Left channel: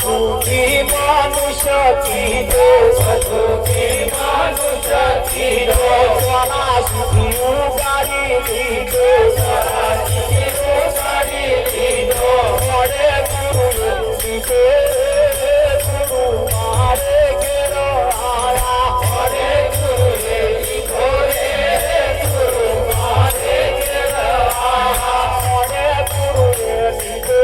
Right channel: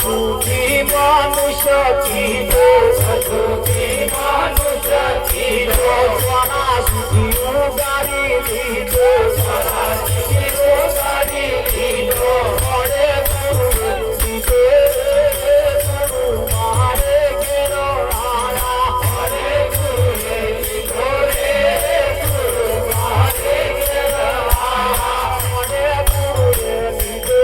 सुखी मनुष्य की दो सुखी मनुष्य की दो सोना सुखी उगारी दी दो सोना सुखी उगारी दी दो हरे गुरु दी दो गुरु मारे गिरो आया हरे गुरु दी दो रे गुरु मारे गिरो आया हरे गुरु दी दो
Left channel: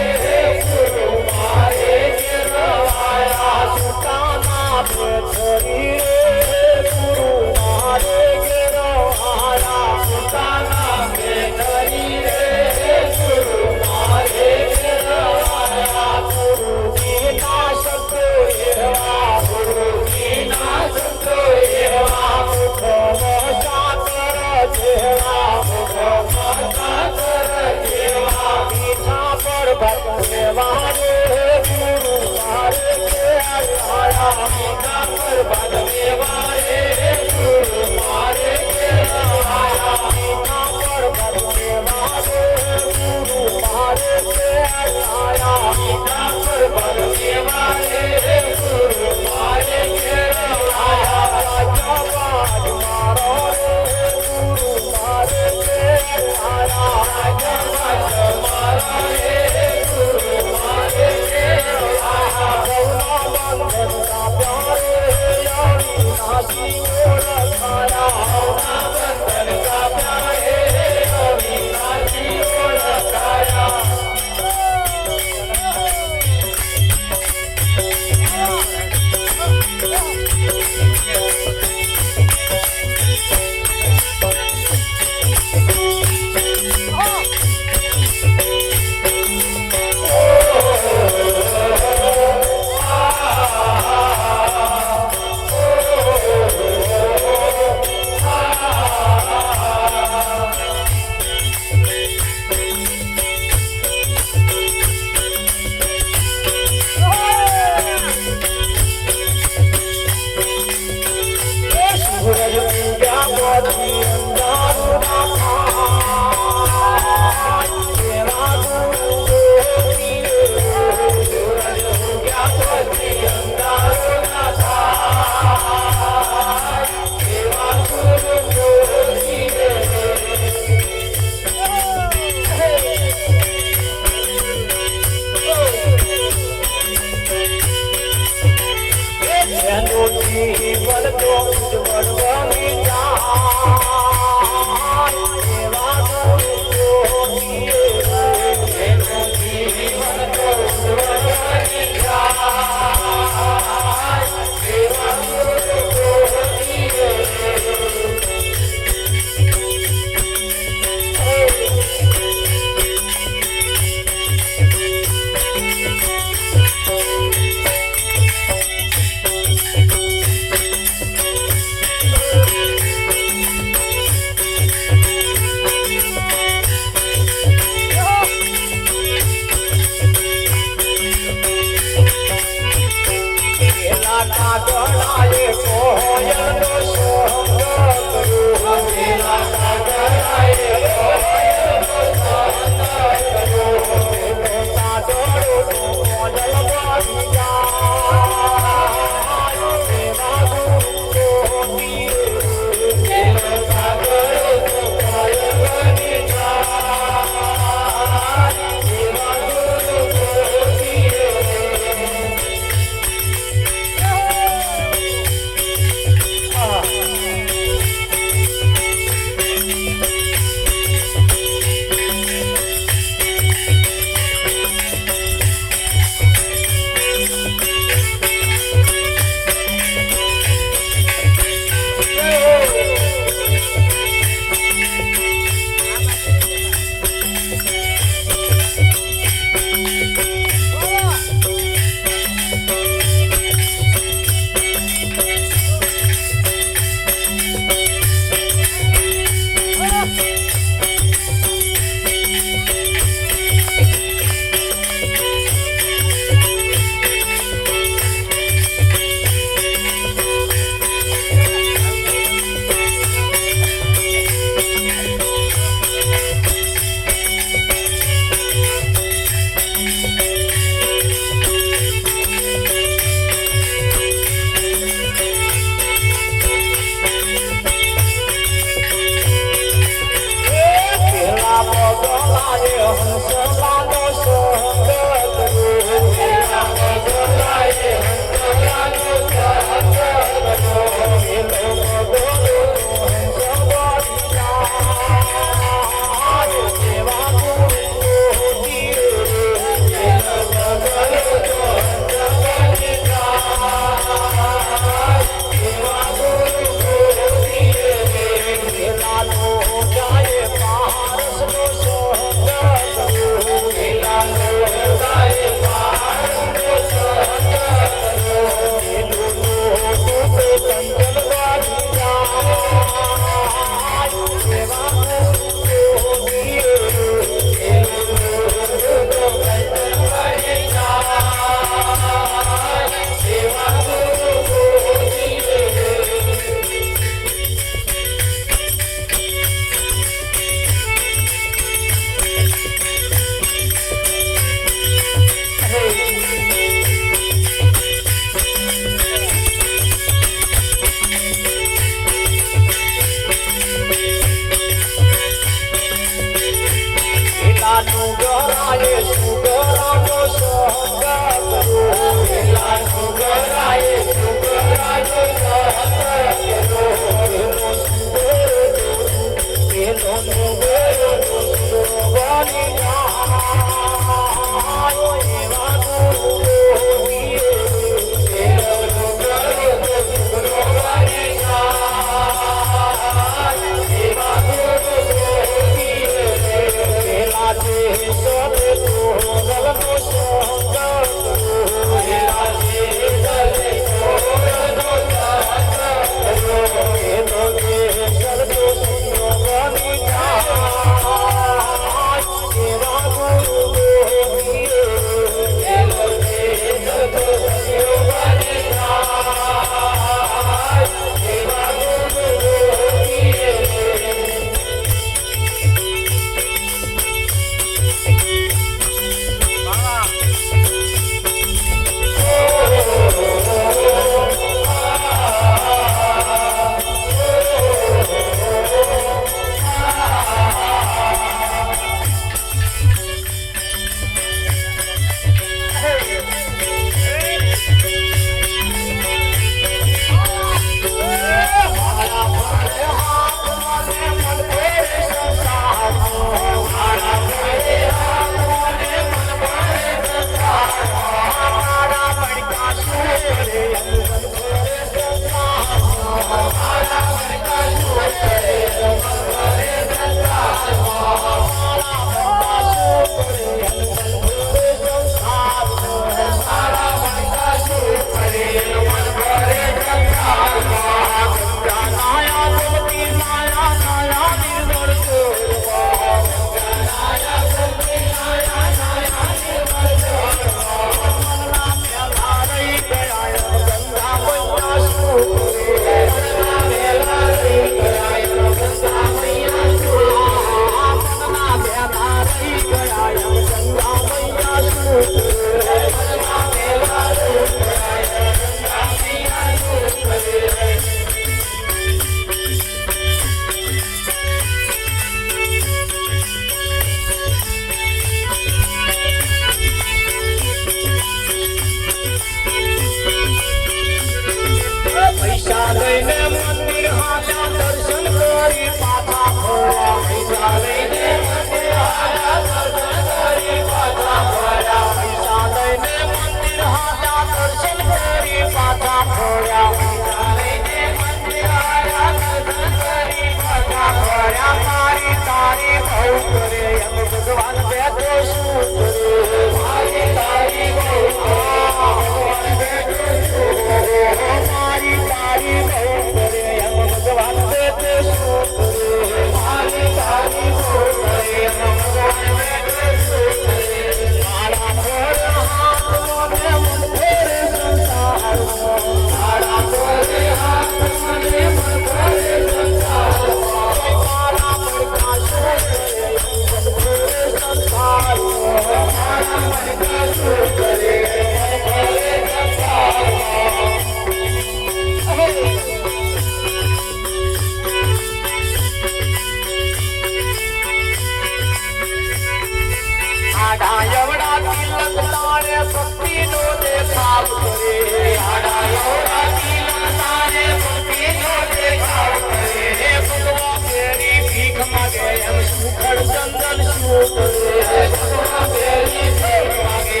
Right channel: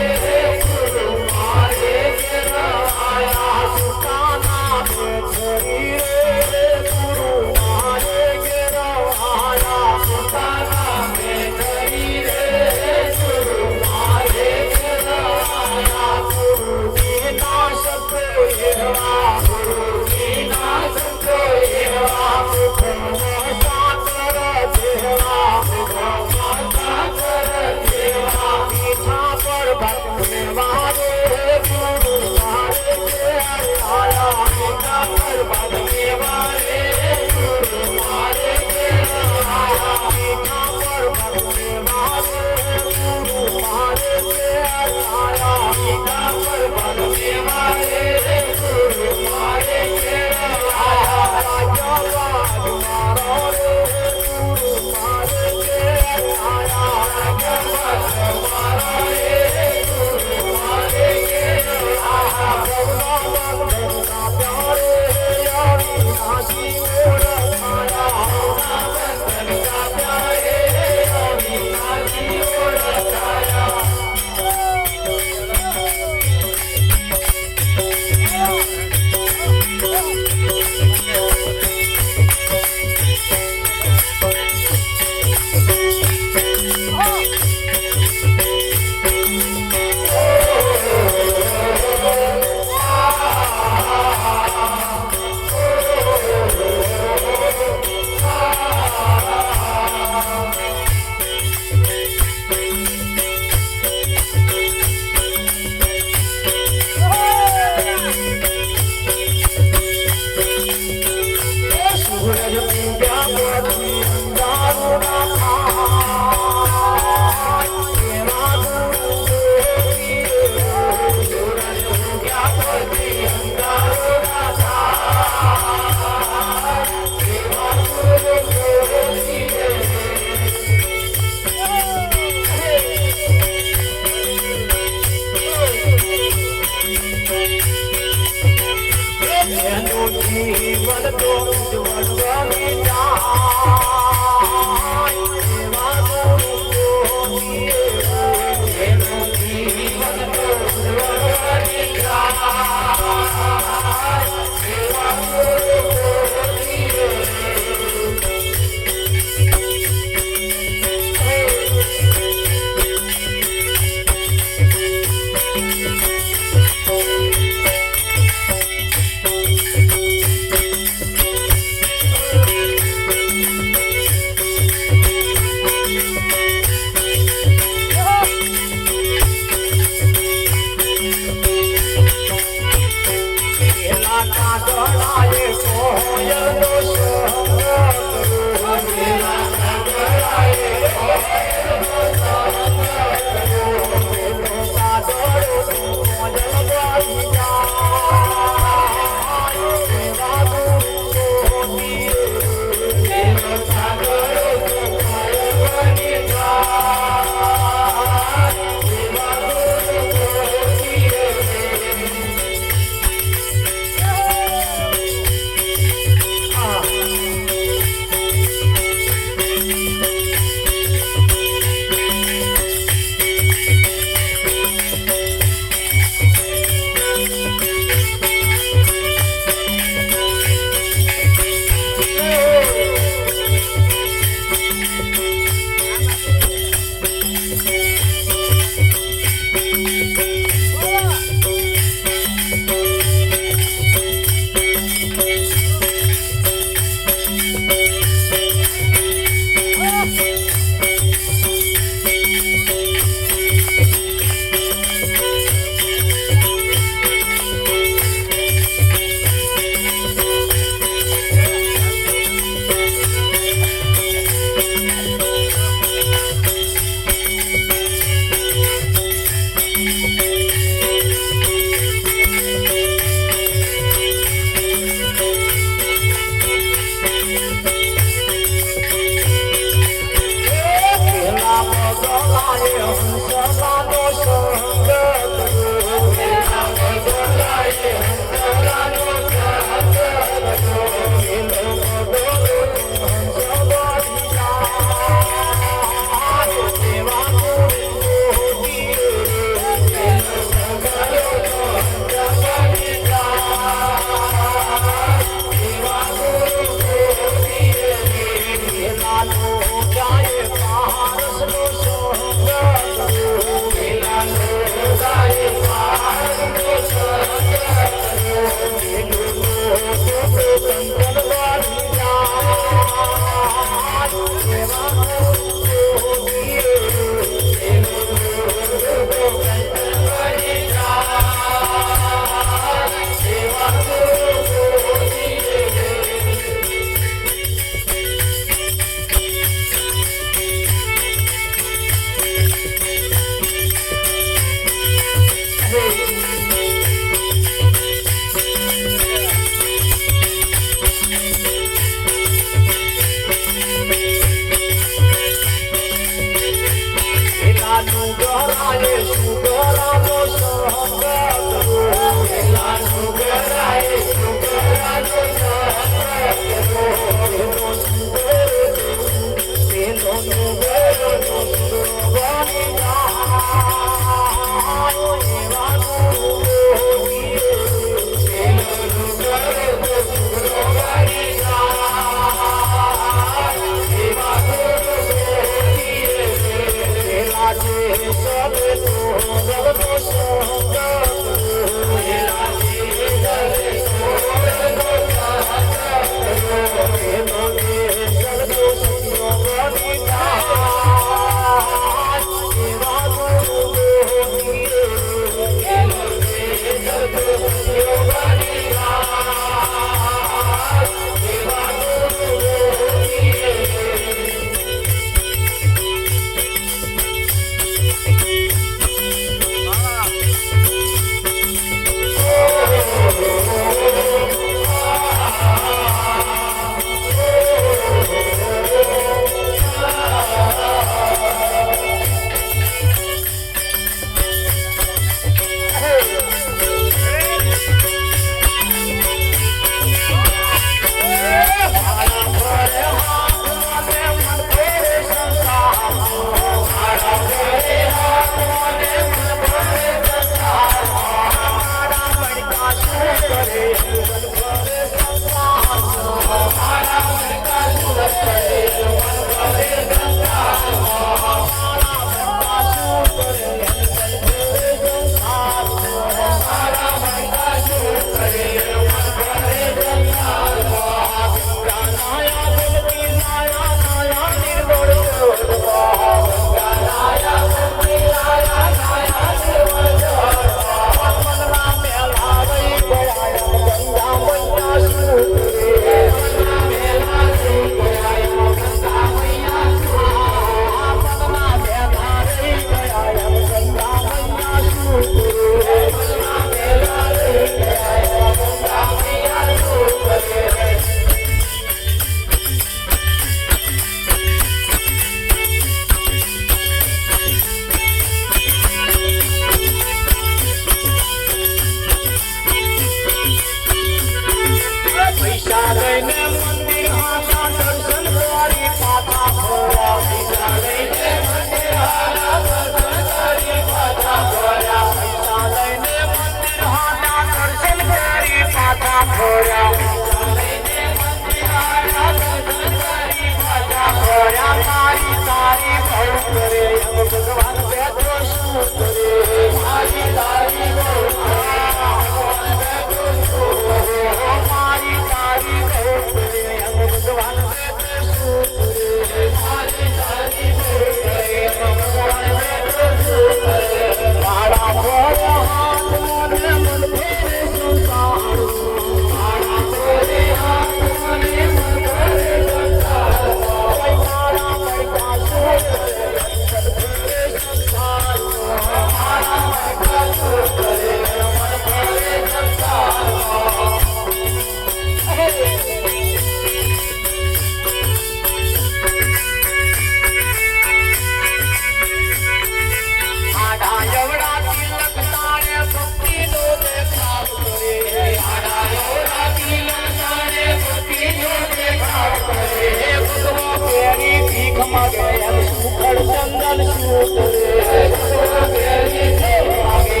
ચંદન શું કરે ભગવાન બેરી ભીખ માગે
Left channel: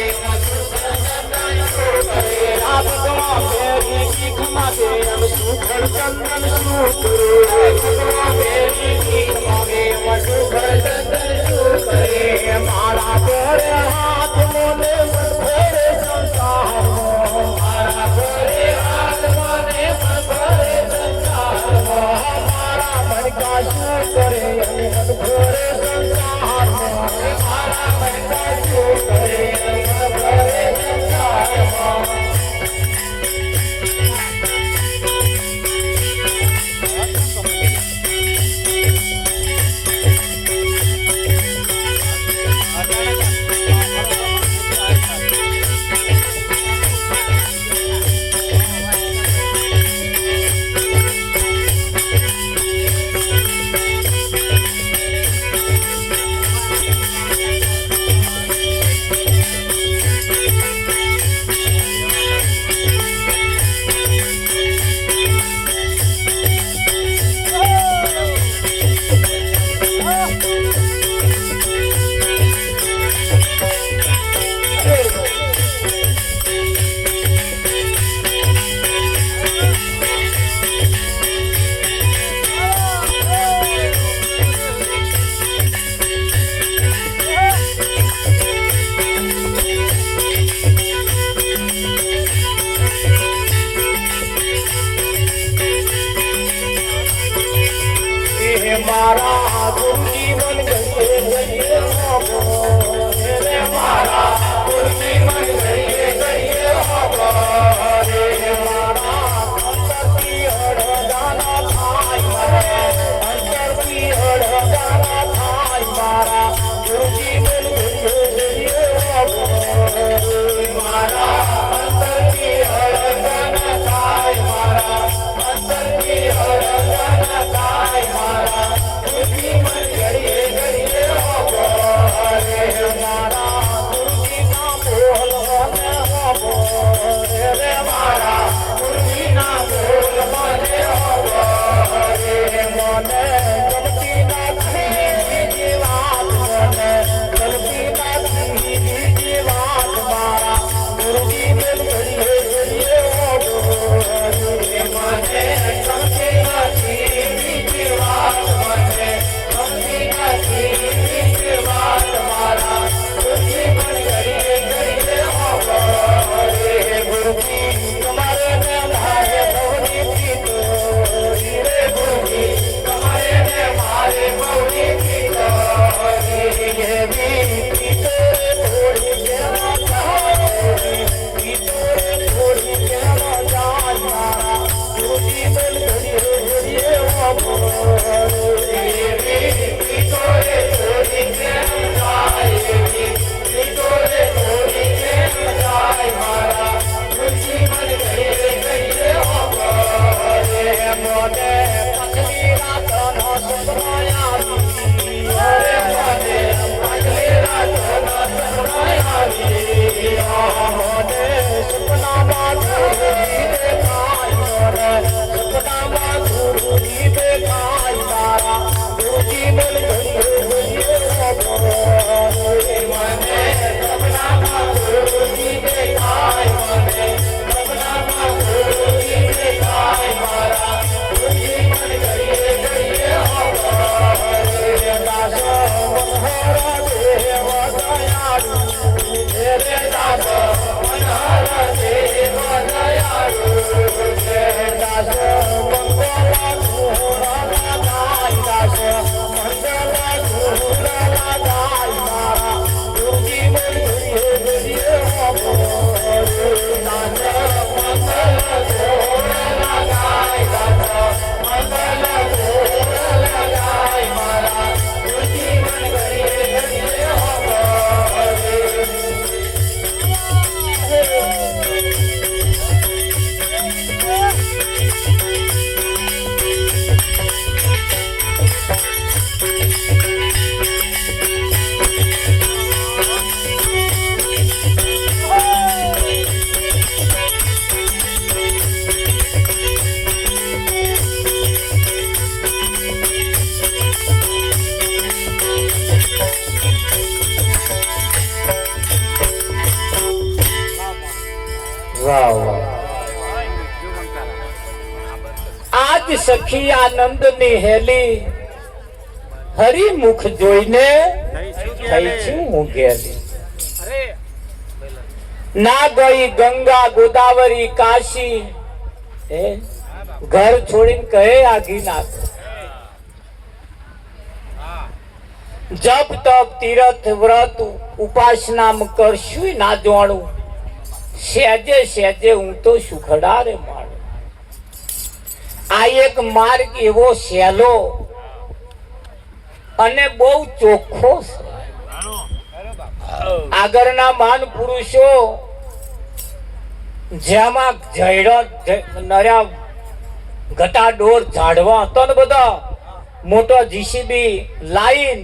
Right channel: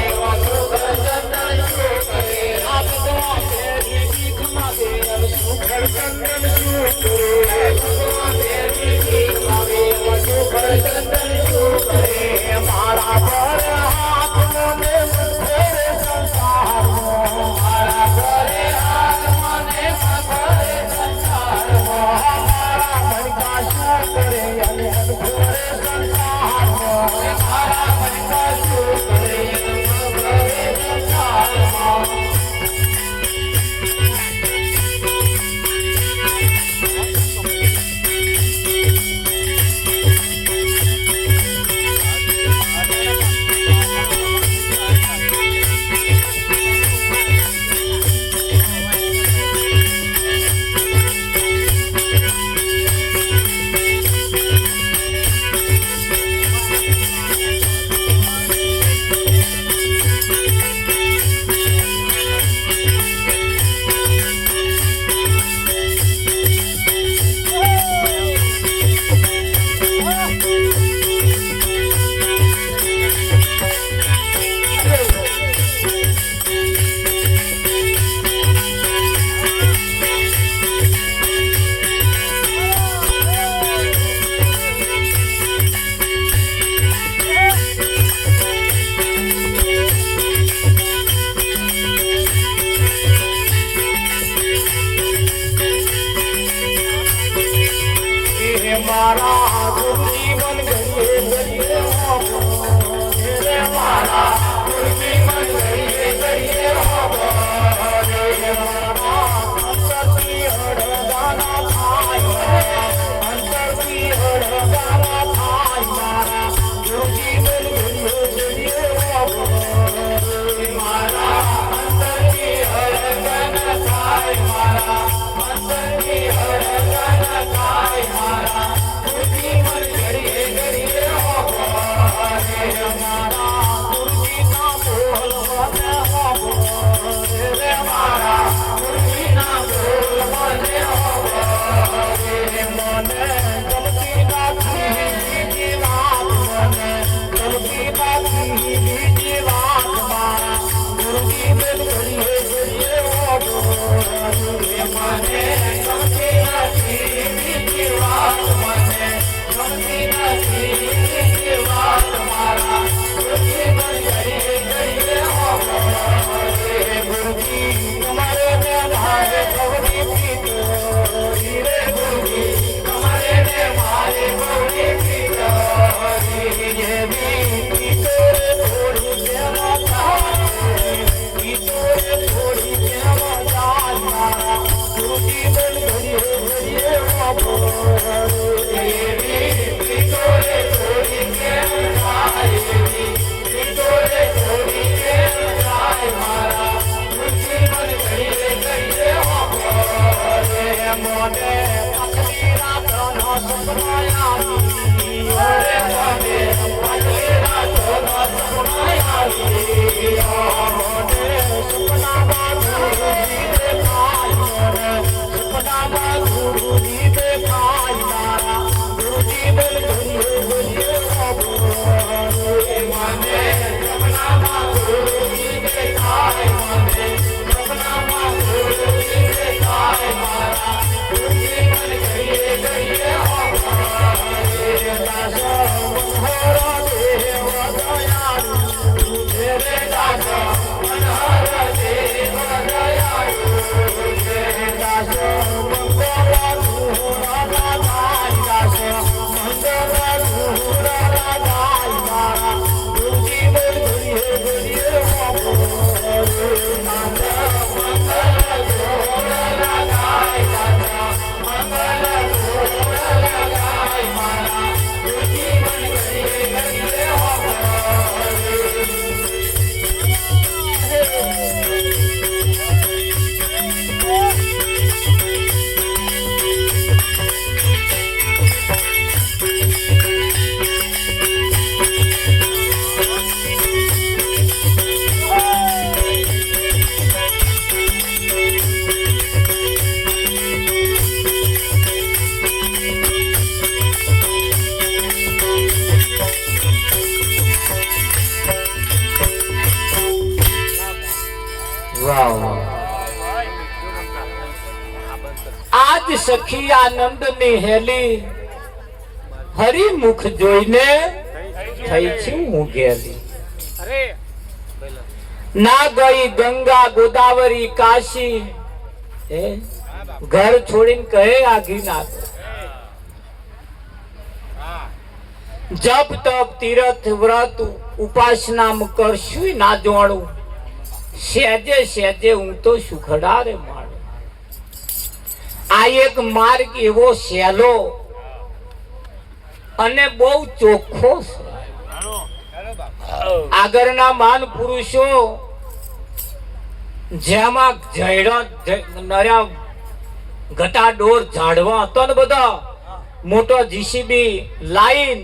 ભગવાન બેરી ભીખ માગે સુખર ચંદન શું કરે ભગવાન બેરી ભીખ માગે સુખર ચંદન શું કરે મારા પર હાથ મોને મનખોરે સંસારમાં મારા પર હાથ મોને મનખોરે સંસારમાં મારા મનકા શું કરે અને મનખોરે સંસારમાં વાહ વાહ. આજ સખી આનંદની હેલી હરિમુખ જોઈને થઈ છું હું ગેલી. ના ગઈ ગંગા ગોદાવરી કાશી, ઘર છોડીને કહે આગી નાખ. જપ તપ તીર્થ વ્રત ઉપાસના કરશું ના જોણું, સહેજે સહેજે હું તો સુખડા રે માણું. આ એક માર્ગ એવો સહેલો અને બહુ ચોખ્ખો છે. આગળના મહાન પુરુષો જેમાં નર્યા ઘટાડોર ઝાડવા હતો ને બધા, મોટો જીસીબી લાઈન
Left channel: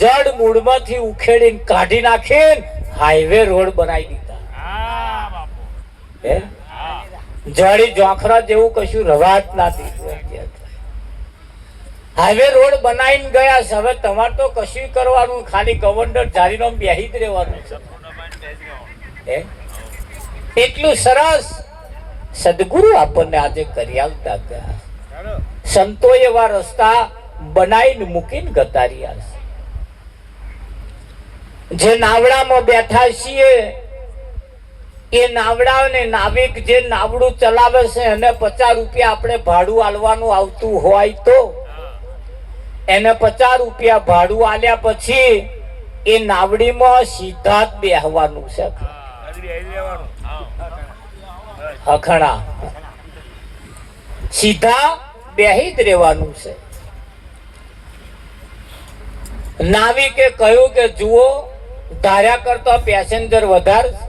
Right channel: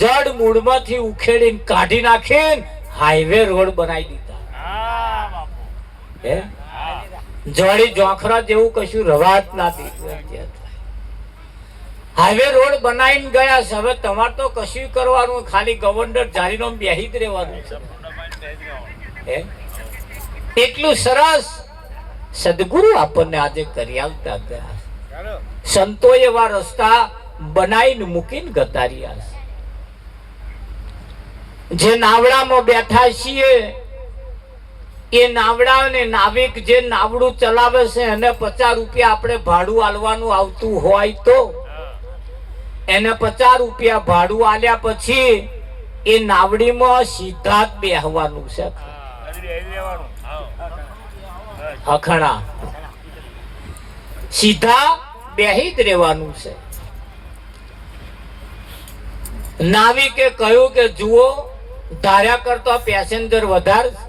જડ મૂળમાંથી ઉખેડીને કાઢી નાખીને હાઈવે રોડ બનાવી દીધા. જડી જોખરા જેવું કશું રવાત નથી. હાઈવે રોડ બનાવીને ગયા છે. હવે તમારે તો કશું કરવાનું, ખાલી ગવર્નર જારીનો બેહી જ રહેવાનું છે. એટલું સરસ સદગુરુ આપણને આજે કરી આવતા ગયા. સંતો એવા રસ્તા બનાવીને મૂકીને ગતાર્યા છે. જે નાવડામાં બેઠા છીએ એ નાવડાને નાવિક જે નાવડું ચલાવે છે એને 50 રૂપિયા આપણે ભાડું આલવાનું આવતું હોય તો એને 50 રૂપિયા ભાડું આલ્યા પછી એ નાવડીમાં સીધા જ બેહવાનું છે. હખણા સીધા બેહી જ રહેવાનું છે. નાવિકે કહ્યું કે જુઓ, ધાર્યા કરતા પેસેન્જર વધારે છે,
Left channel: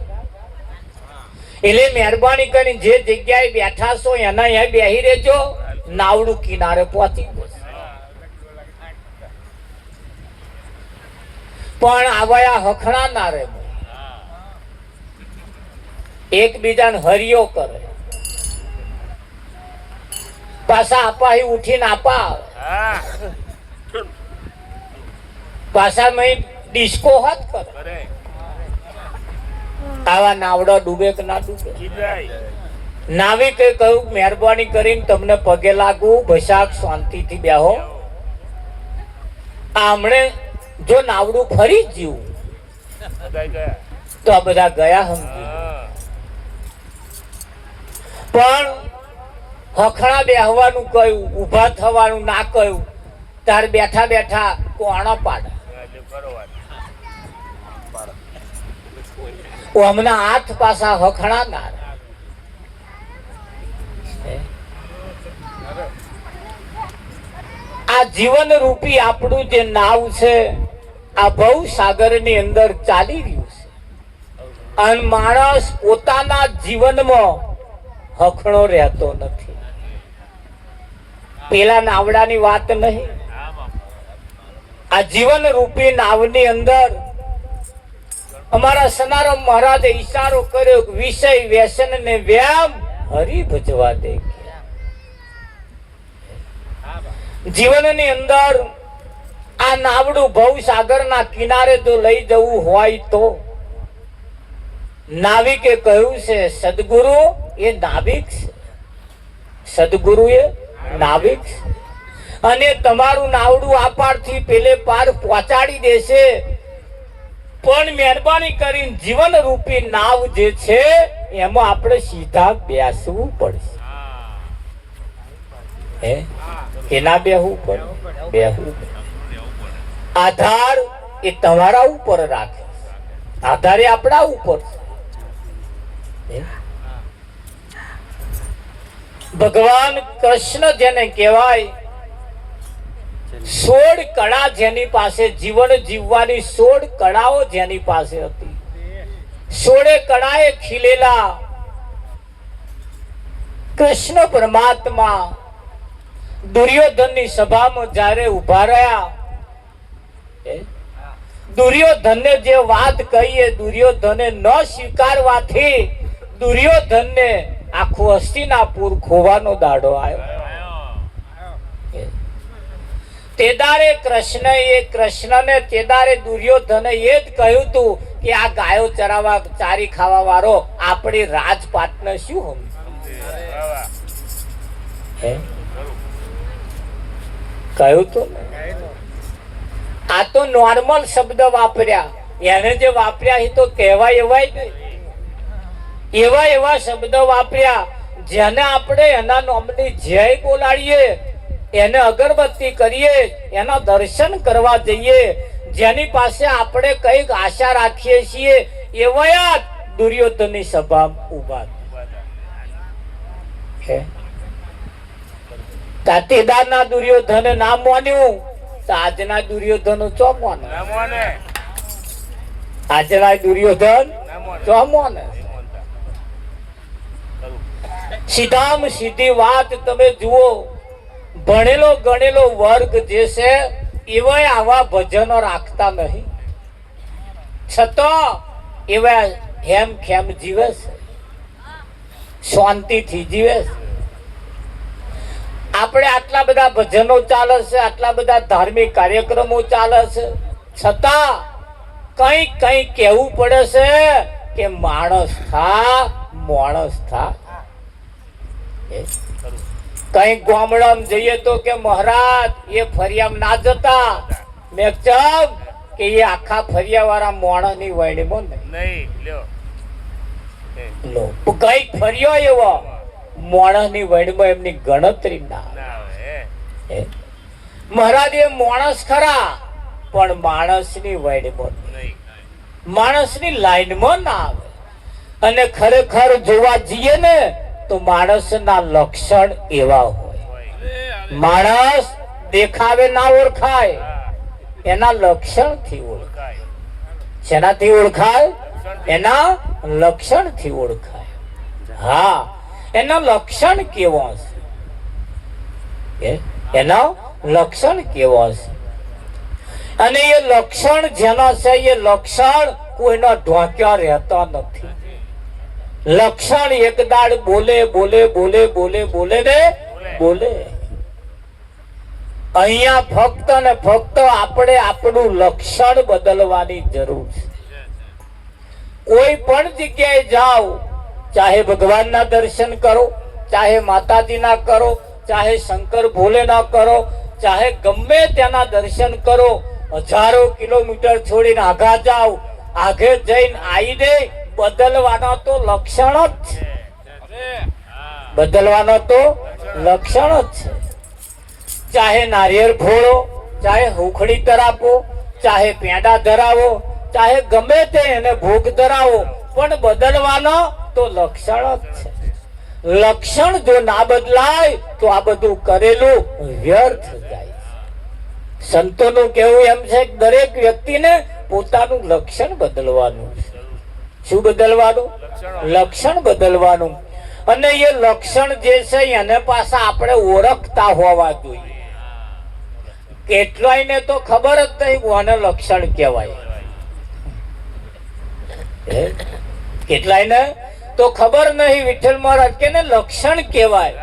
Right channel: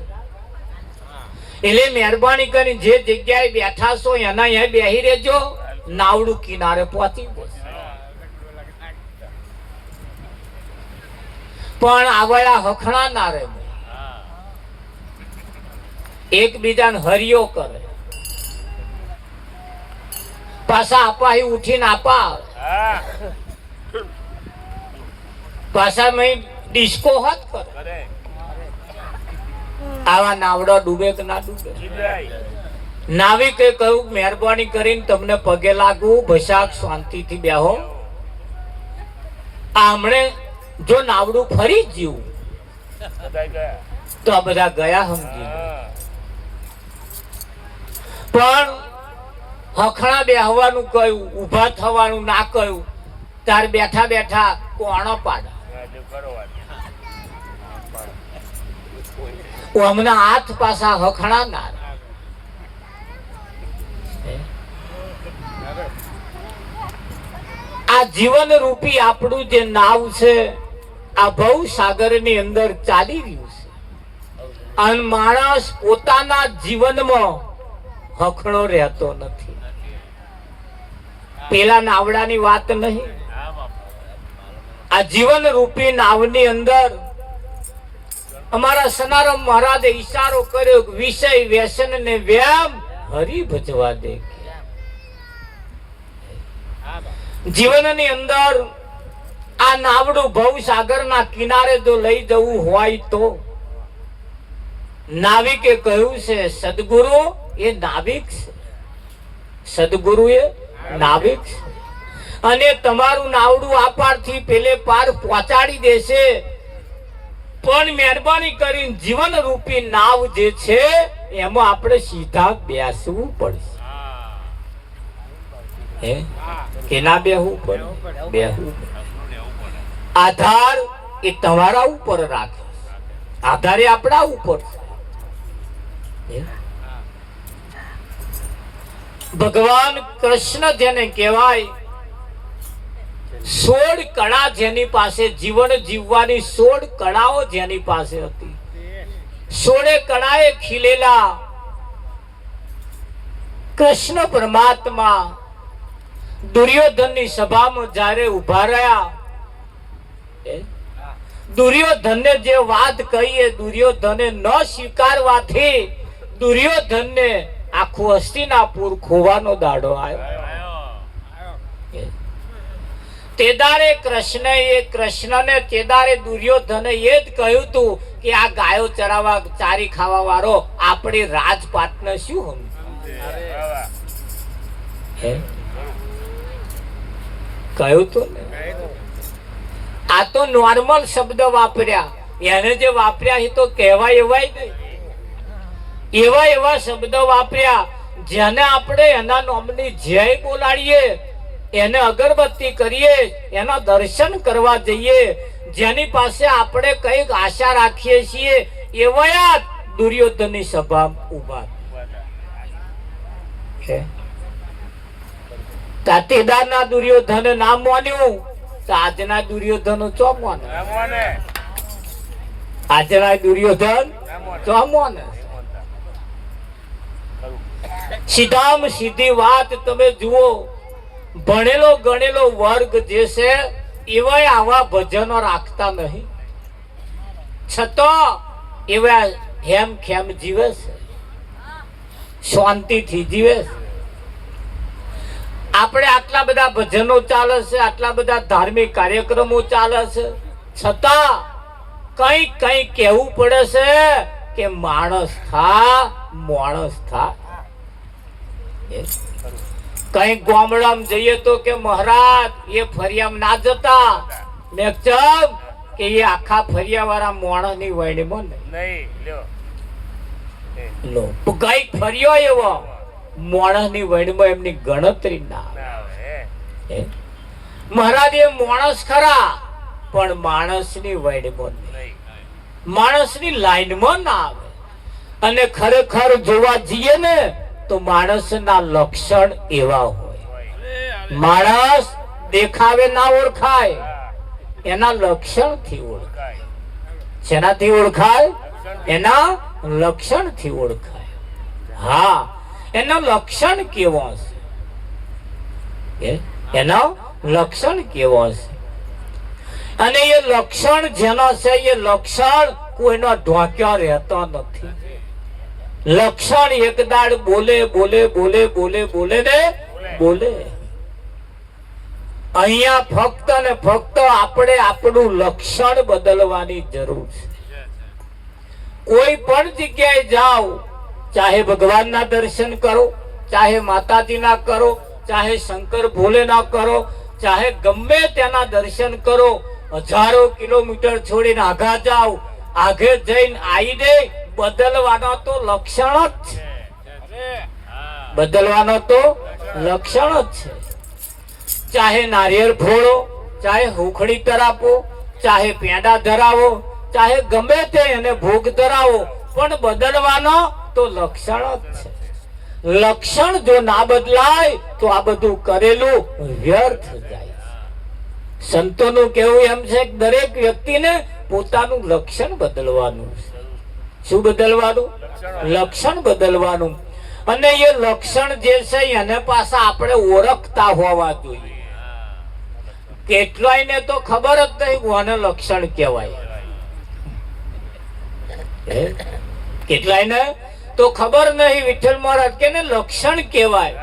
એટલે મહેરબાની કરીને જે જગ્યાએ બેઠા છો એના અહીંયા બેહી રહેજો, નાવડું કિનારે પહોંચી જશે. પણ આવા હખણા ના રહે, એકબીજાને હરિયો કરે, પાછા આપા ઉઠીને આપા પાછા ડિસ્કો હાથ કરે. આવા નાવડો ડૂબે કે ના ડૂબે? નાવિકે કહ્યું મહેરબાની કરીને તમને પગે લાગુ, ભસાક શાંતિથી બેહો. આમણે જો નાવડું ફરી જીવું તો આ બધા ગયા સમજી. પણ હખણા બેહવાનું કહ્યું, ઊભા થવાનું ના કહ્યું, ત્યારે બેઠા બેઠા કોણો પાડા. હમણાં હાથ પાછા હખણા ના. આ જીવન રૂપી આપણું જે નાવ છે આ ભવ સાગર ની અંદર ચાલી રહ્યું છે. અને માણસ પોતાના જીવનમાં હખણો રહેતો નથી. પેલા નાવડાની વાત નહીં, આ જીવન રૂપી નાવની અંદર અમારા સનારામ મહારાજે ઈશારો કર્યો, વિષય વ્યસન ને વ્યામ હરી ભજવા દે. જીવનની અંદર આ નાવડું ભવસાગરના કિનારે જો લઈ જવું હોય તો નાવિકે કહ્યું છે સદગુરુ એ નાવિક છે, સદગુરુ એ નાવિક છે, અને તમારું નાવડું આ પારથી પેલે પાર પહોંચાડી દેશે. પણ મહેરબાની કરીને જીવન રૂપી નાવ જે છે એમાં આપણે સીધા બેસવું પડશે. કેના બેહવું પડે? બેહવું. આધાર એ તમારા ઉપર રાખે, આધાર એ આપણા ઉપર છે. ભગવાન કૃષ્ણ જેને કહેવાય, 16 કળા જેની પાસે, જીવન જીવવાની 16 કળાઓ જેની પાસે હતી, 16 કળાએ ખીલેલા કૃષ્ણ પરમાત્મા દુર્યોધનની સભામાં જ્યારે ઉભા રહ્યા, દુર્યોધનને જે વાત કહી એ દુર્યોધને ન સ્વીકારવાથી દુર્યોધનને આખું હસ્તિનાપુર ખોવાનો દાડો આવ્યો. તેદારે કૃષ્ણને તેદારે દુર્યોધને એ જ કહ્યું તું કે આ ગાયો ચરાવવા ચારી ખાવા વાળો આપણી રાજપાટને શું સમજે? કહ્યું તું ને? આ તો નોર્મલ શબ્દ વાપર્યા, એને જે વાપર્યા એ તો કહેવાય એવા શબ્દ વાપર્યા જેને આપણે એના નામની જય બોલાડીએ, એને અગરબત્તી કરીએ, એના દર્શન કરવા જઈએ, જેની પાસે આપણે કઈક આશા રાખીએ છીએ એવા દુર્યોધનની સભા ઉભા છે. તાતેદારના દુર્યોધને ના માન્યું તો આજના દુર્યોધનો ચો માને? આજના દુર્યોધન ચો માને? સીધામાં સીધી વાત તમે જુઓ, ભણેલો ગણેલો વર્ગ જે છે એવાય આવા ભજનો રાખતા નહીં, છતાં એવા હેમ ખેમ જીવે છે, શાંતિથી જીવે છે. આપણે આટલા બધા ભજનો ચાલે છે, આટલા બધા ધાર્મિક કાર્યક્રમો ચાલે છે, છતાં કઈ કહેવું પડે છે કે માણસ થા. કઈ ગામડામાં જઈએ તો કે મહારાજ એ ફરિયામ ના જતા, મેં ચમ કે એ આખા ફરિયા વાળા માણસ ની વયણીમાં નહીં, કઈ ફરિયો એવો માણસ ની વયણીમાં એમની ગણતરી ના. મહારાજ એ માણસ ખરા પણ માણસ ની વયણીમાં નહીં, માણસ ની લાઈનમાં ના આવે. અને ખરેખર જોવા જઈએ ને તો માણસના લક્ષણ એવા હોય. માણસ દેખાવે ના ઓળખાય, એના લક્ષણ થી ઓળખાય. શેનાથી ઓળખાય? એના લક્ષણ થી ઓળખાય. હા, એના લક્ષણ કેવો છે? એના લક્ષણ કેવો છે? અને એ લક્ષણ જેના છે એ લક્ષણ કોઈના ઢોક્યા રહેતા નથી. લક્ષણ એક દાડ બોલે ને બોલે. અહીંયા ફક્ત ને ફક્ત આપણે આપણું લક્ષણ બદલવાની જરૂર છે. કોઈ પણ જગ્યાએ જાઓ, ચાહે ભગવાનના દર્શન કરો, ચાહે માતાજીના કરો, ચાહે શંકર ભોલેના કરો, ચાહે ગમે તેના દર્શન કરો, હજારો કિલોમીટર છોડીને આઘા જાઓ, આઘે જઈને આવીને બદલવાનો તો લક્ષણ જ છે. બદલવાનો તો લક્ષણ જ છે. ચાહે નારિયેળ ફોડો, ચાહે હુખડી તરાપો, ચાહે પેંડા ધરાવો, ચાહે ગમે તે એને ભોગ ધરાવો, પણ બદલવાનો તો લક્ષણ જ છે. લક્ષણ જો ના બદલાય તો આ બધું કરેલું વ્યર્થ જાય. સંતોનું કહેવું એમ છે કે દરેક વ્યક્તિને પોતાનું લક્ષણ બદલવાનું છે. શું બદલવાનું? લક્ષણ બદલવાનું. અને એ લક્ષણ જે છે એને પાછા આપણે ઓળખતા હોવા જોઈએ. કેટલાયને તો ખબર જ નહીં કોને લક્ષણ કહેવાય. કેટલાયને તો ખબર નહીં વિઠ્ઠલ મહારાજ કે લક્ષણ કહેવાય.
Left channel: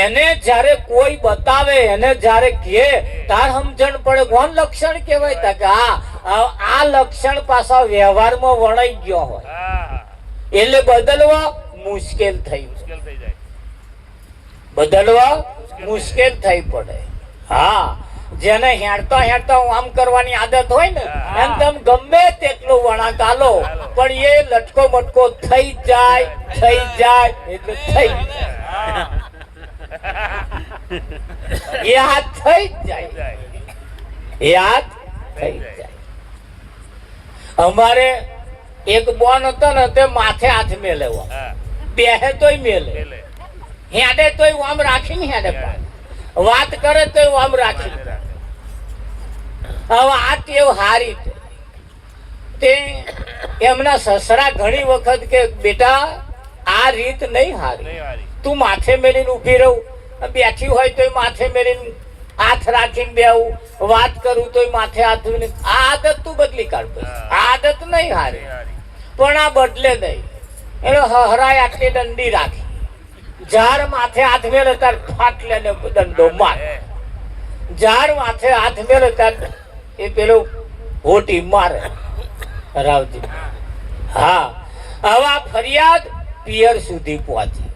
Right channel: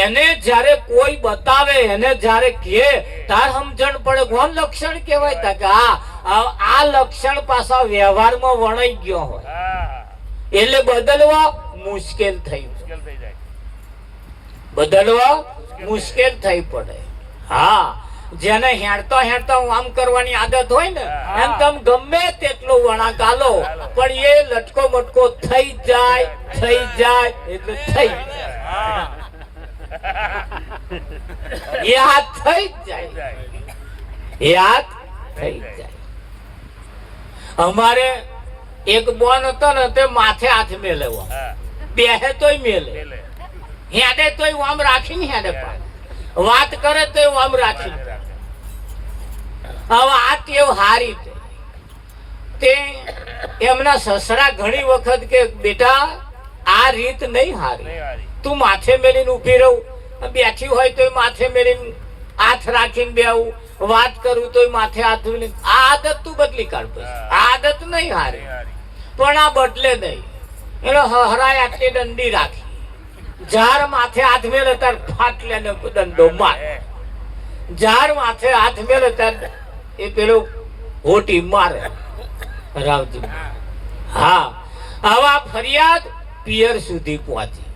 એને જ્યારે કોઈ બતાવે, એને જ્યારે કહે તાર સમજણ પડે કોણ લક્ષણ કહેવાય. તા કે આ લક્ષણ પાછા વ્યવહારમાં વણાઈ ગયો હોય એટલે બદલવા મુશ્કેલ થઈ જાય, બદલવા મુશ્કેલ થઈ પડે. હા, જેને હેડતા આમ કરવાની આદત હોય ને એમ તમે ગમે તેટલું વળાંક આલો પણ એ લટકો મટકો થઈ જાય એટલે થઈ જાય. એ હાથ થઈ જાય, એ હાથ થઈ જાય. અમારે એક બોન હતો ને તે માથે હાથ મેલેવા, બેહે તોય મેલે, હેડે તોય આમ રાખીને હેડે, વાત કરે તો આમ રાખી. હવે આ ટેવ હારી તે એમના સસરા ઘણી વખત કે બેટા આ રીત નહીં હારી, તું માથે મેલીને ઉભી રહું, બેઠી હોય તો માથે મેલીને હાથ રાખીને બેવું, વાત કરું તો માથે હાથ ધોઈને. આ આદત તું બદલી કાઢ, આ આદત નહીં હારી. પણ આ બદલે નહીં. એનો હરાય આટલી દંડી રાખી, જાર માથે હાથ મેલે તાર ફાટલે ને દંડો માર. ઝાડ માથે હાથ મેલે ત્યારે એ પેલો હોટી મારે રાવજી. હા, આવા ફરિયાદ પિયર સુધી પહોંચી.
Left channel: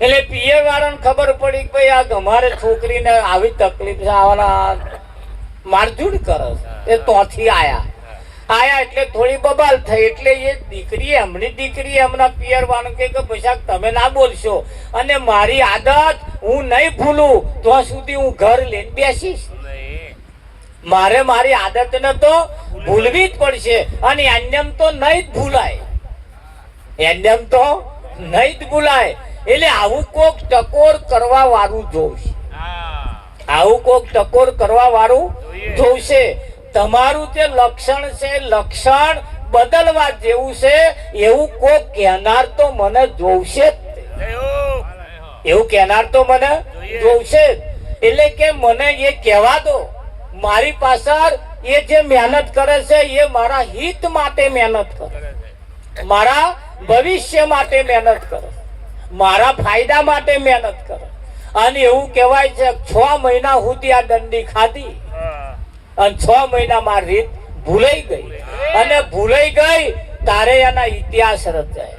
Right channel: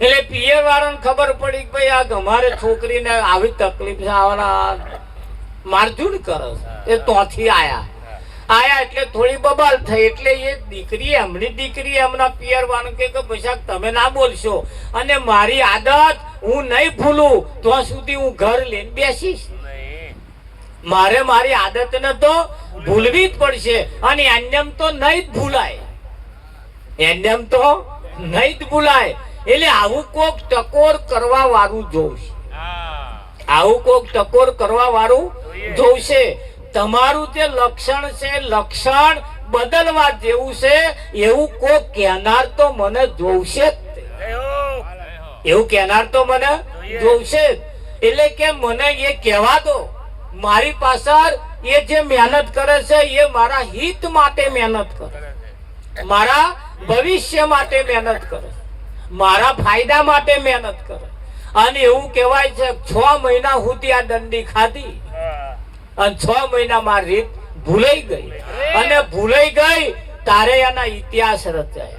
એટલે પિયર વાળાને ખબર પડી કે ભાઈ આ અમારે છોકરીને આવી તકલીફ છે, આવાના મારઝૂડ કરે છે. એ ત્યાંથી આયા એટલે થોડી બબાલ થઈ. એટલે એ દીકરી એમની દીકરી એમના પિયર વાળા કે પૈસા તમે ના બોલશો, અને મારી આદત હું નહીં ભૂલું ત્યાં સુધી હું ઘર લઈને બેસીશ. મારે મારી આદતને તો ભૂલવી જ પડશે, અને એમ તો નહીં જ ભૂલાય, એમ તો નહીં જ ભૂલાય. એટલે આવું કોક ટકોર કરવા વાળું જોશે, આવું કોક ટકોર કરવા વાળું જોશે. તમારું જે લક્ષણ છે, લક્ષણ બદલવા જેવું છે, એવું કોક કહેનાર તો મને જોશે જ, એવું કહેનાર તો મને જોશે જ. એટલે કે મને એ કહેવા દો, મારી પાછળ એ જે મહેનત કરે છે એ મારા હિત માટે મહેનત કરે, મારા ભવિષ્ય માટે મહેનત કરે, મારા ફાયદા માટે મહેનત કરે. અને એવું કહેવાય છે 6 મહિના સુધી આ દંડી ખાધી, અને 6 મહિનામાં રીત ભૂલાઈ ગઈ, અને ભૂલાઈ ગઈ તારે એના ઇતિહાસ રચાય.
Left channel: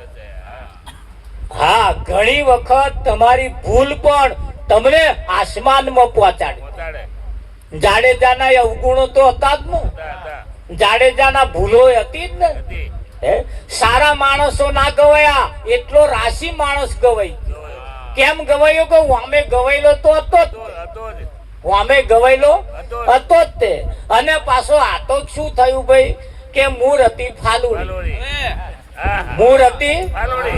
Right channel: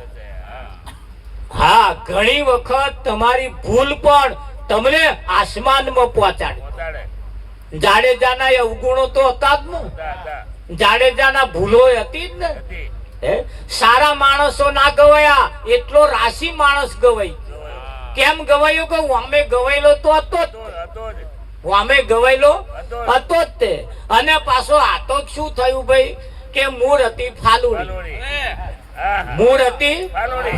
હા, ઘણી વખત તમારી ભૂલ પણ તમને આસમાનમાં પહોંચાડે. જાડેજાના અવગુણો તો હતા જ ને, જાડેજાના ભૂલો હતી જ ને. સારા માણસો ના ગવાયા, એટલો રાશિ માણસ ગવાઈ. કેમ ગવાયો? કે વામે ગવાયેલો તો હતો જ, વામે ગવાયેલો હતો જ તે. અને પાછો આતો શું થયું ભાઈ કે મૂળ હતી ફાલુડી, મૂળ હતી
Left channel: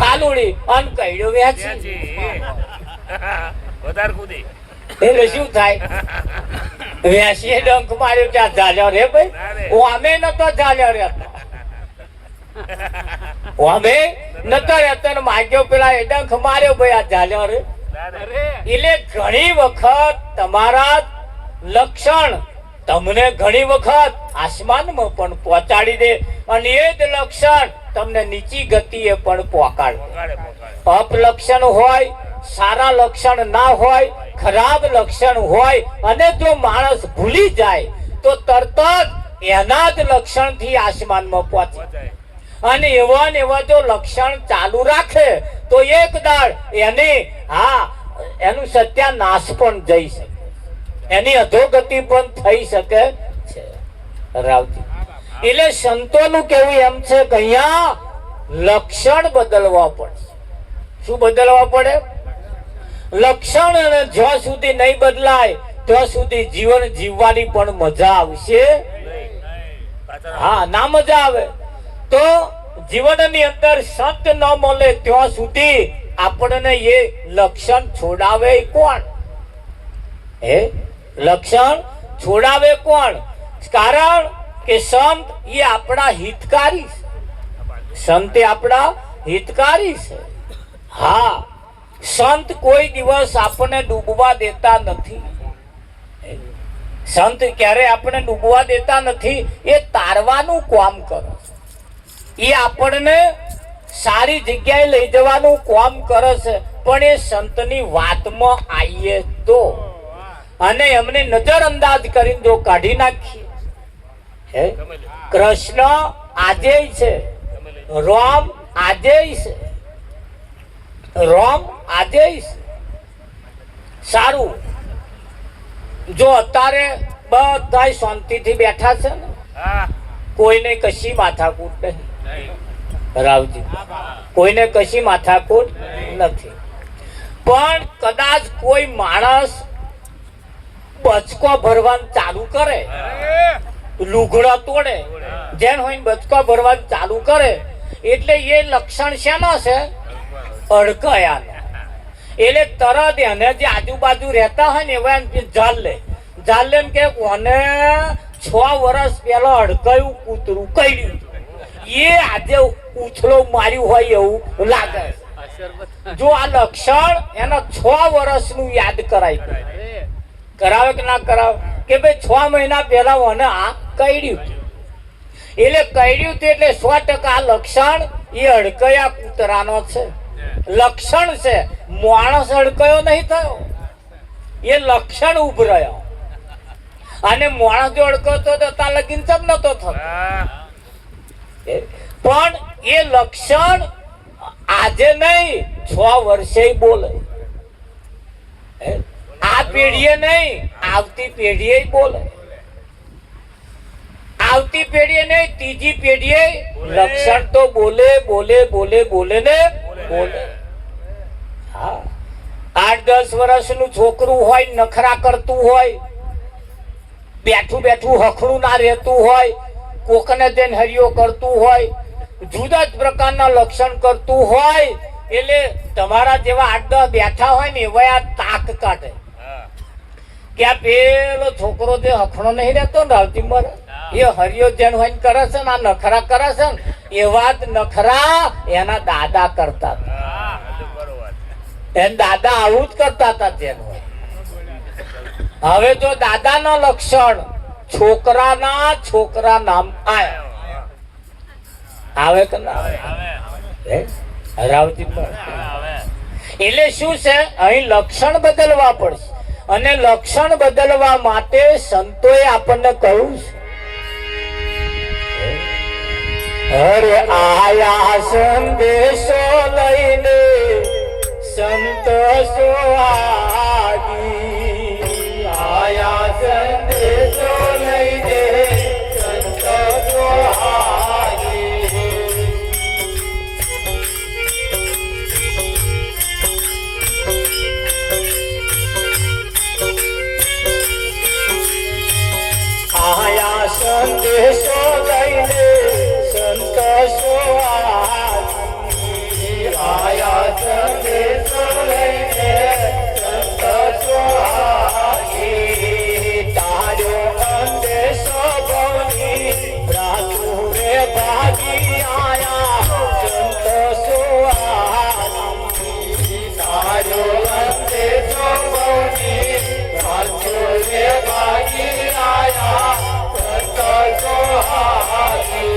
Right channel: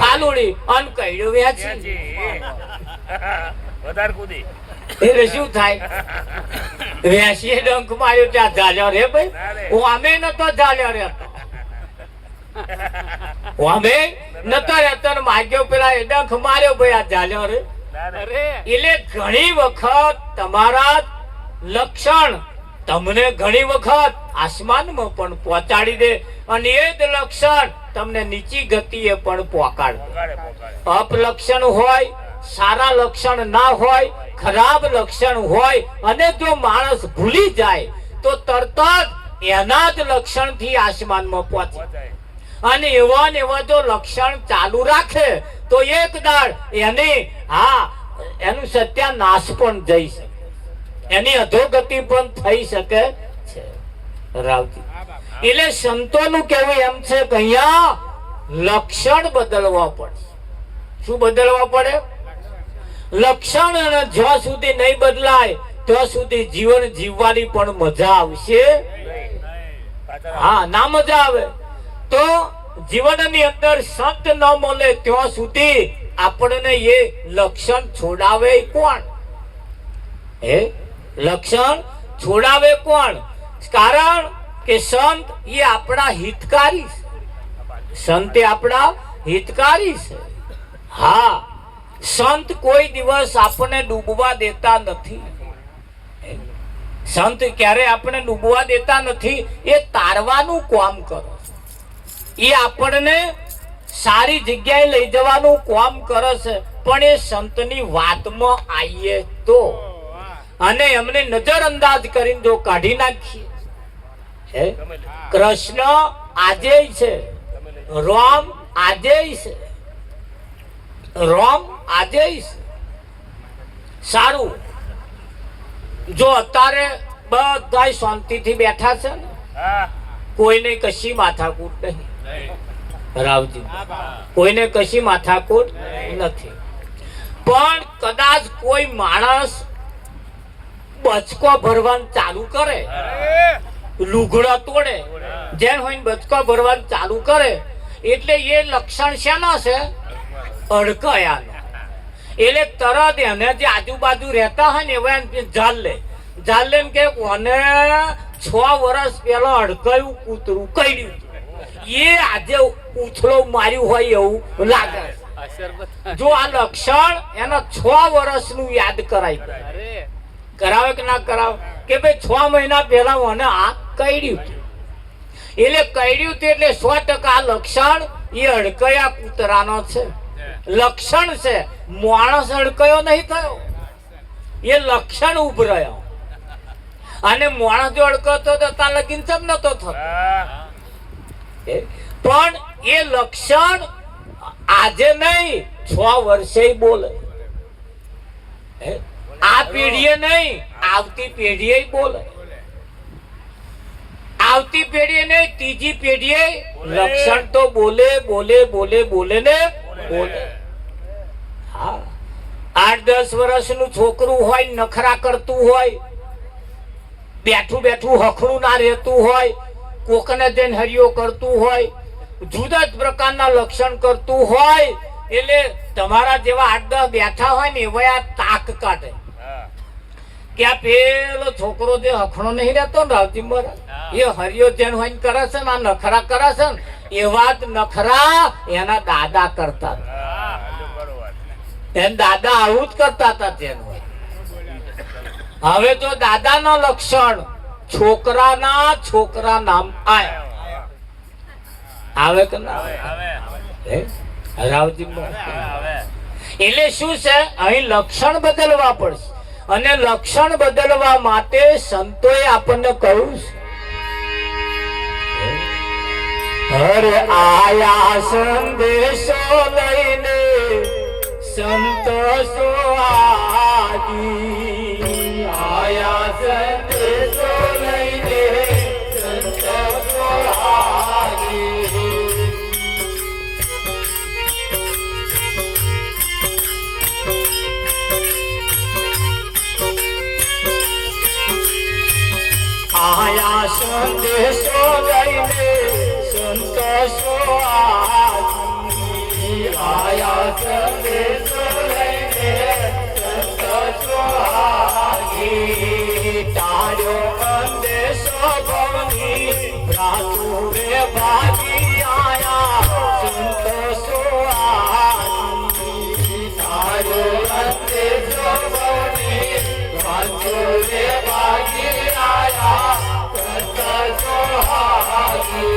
ફાલુડી, અને કઈડો વ્યાજી. એટલે શું થાય? વેસીએ ડંખ માર્યો ત્યાં ઝાલ્યો રે ભાઈ. વામે નતો ઝાલ્યો રહેતો, વામે નતો રહેતો ને માગ્યો પેલા એ ડંખ માર્યો ભાઈ આ ઝાલ્યો રે. એટલે ઘણી વખત તમારા લક્ષણ તમને ઘણી વખત આસમાનમાં પણ પહોંચાડી દે, અને એ જ લક્ષણ તમને નીચી ગતિએ પણ પહોંચાડે. અપલક્ષણ હોય, સારા લક્ષણ ના હોય, ખરાબ લક્ષણ હોય, અને જો માણસ ભૂલી જાય તો તરત જ એના જ લક્ષણ થી આસમાનમાં પહોંચે. અને એવા ને એવા જો લક્ષણ ચાલુ રાખે તો એક દાડ એની એનું સત્યાનાશ પણ જઈ શકે, એની અધોગતિ પણ થઈ શકે છે. રાવજી, એટલે સંતોનું કહેવું એમ છે કે અહીંયા લક્ષણ બદલવા પડે. શું બદલવા પડે? લક્ષણ જ્યાં સુધી નહીં બદલાય ત્યાં સુધી જીવન જીવવાની પણ મજા આવશે. હા, ના મજા આવે તો જીવનની અંદર સંત ન મળે ત્યાં સુધી આપણને એ લક્ષણ છોડાવે કોણ? એ લક્ષણ છોડાવે કોણ? કારણ કે સંત એ આપણા હિતકારી છે, સંત એ આપણા હિતકારી છે. હા, સંત કોઈ દિવસ આપણને ડૂબવા દેતા નથી. સંત ક્યારે આપણે ડૂબવા દેતા નથી, એ તારવાનું કામ કરે, એ આપણને સારી જગ્યાએ લઈ જવાનું કામ કરે છે. પણ એ સંતની વાતમાં આવીએ તો, અને એમને નજર અંદાજ કરીને જો કાઢી નાખીએ. કૃષ્ણ આજે છે, રામ આજે છે, રામ આજે છે. સારું, જો અત્યારે બધા શાંતિથી બેઠા છે ને, કોઈને કશી માથાકૂટ નહીં. રાવજી, કોઈને કશી માથાકૂટ નથી. પણ કદાચ કોઈ માણસ બચકો ભરવાનું ચાલુ કરે, લુગડા તોડે, જેન હોય બચકો ભરવાનું ચાલુ કરે, એટલે એ લક્ષણ શેના છે? અડકયાનો. એટલે તરત એને જે આજુબાજુ રહેતા હોય ને એવા જાલ લે કે કોને 6 વર્ષ પેલો અડકાયું કૂતરું કઈડ્યું, એ આજે ઉછળો માર્યું હોય એવું લાગે. જો આ લક્ષણ એના 6 વર્ષનું યાદ કરાવે કે ના કરાવે? કે ભાઈ 6 મહિના પહેલા મને આ કઈડ્યું, એટલે કઈડ્યું એટલે 100% આ લક્ષણ એ અડકયા કૂતરાનો છે. લક્ષણ છે, માણસ અડકયો નહીં થયો, એ લક્ષણ ઉભરાયો. અને માણસ જો અડકતો તો ત્યાં લગીન ચમ નતો થતો. પણ એ લક્ષણ આજે નહીં 6 વર્ષે બોલે. આ પેઢીએ નહીં, આવતી પેઢીએ બોલે. આવતી પેઢીએ નહીં, ત્રીજી પેઢીએ લક્ષણ તો બોલે બોલે બોલે બોલે ને બોલે. હા, 8-10 વર્ષનું છોકરું હોય, નખરા કરતું હોય, બેઠું બેઠું હખરું ના રહેતું હોય, કોકને જઈને હરિયો કરતું હોય, જુદા જ પ્રકારના લક્ષણ કરતું હોય, એટલે તમારા જેવા 8-10 બેઠા હોય ને એવા આ તાક કાઢે કે આ પેલો છોકરો જે હખણો નહીં રહેતો ને રાવજી મહારાજ, એ હરિયો જેન હોય કરે છે ને આ નખરા કરે છે ને, એવા જ નખરા એના દાદા કરતા હતા. એના દાદા આવું જ કરતા હતા જેન હોય. હવે જો દાદાના લક્ષણ છોકરા નામ આવે કે ના આવે? રાવજી એટલે શું છે, અહીં લક્ષણ બદલવા પડશે. અને લક્ષણ બદલવા માટે સંતોએ આપણને કહ્યું છે, હરે આયા સંદેશો લઈને સંતો સુહાગી. આયા સંદેશો લઈને સંતો સુહાગી. આયા સંદેશો લઈને સંતો સુહાગી. આયા સંદેશો લઈને સંતો સુહાગી. તારો સંદેશો બની રાતુરે ભાગી આયા સંતો સુહાગી. તારો સંદેશો બની રાતુરે ભાગી આયા સંતો સુહાગી.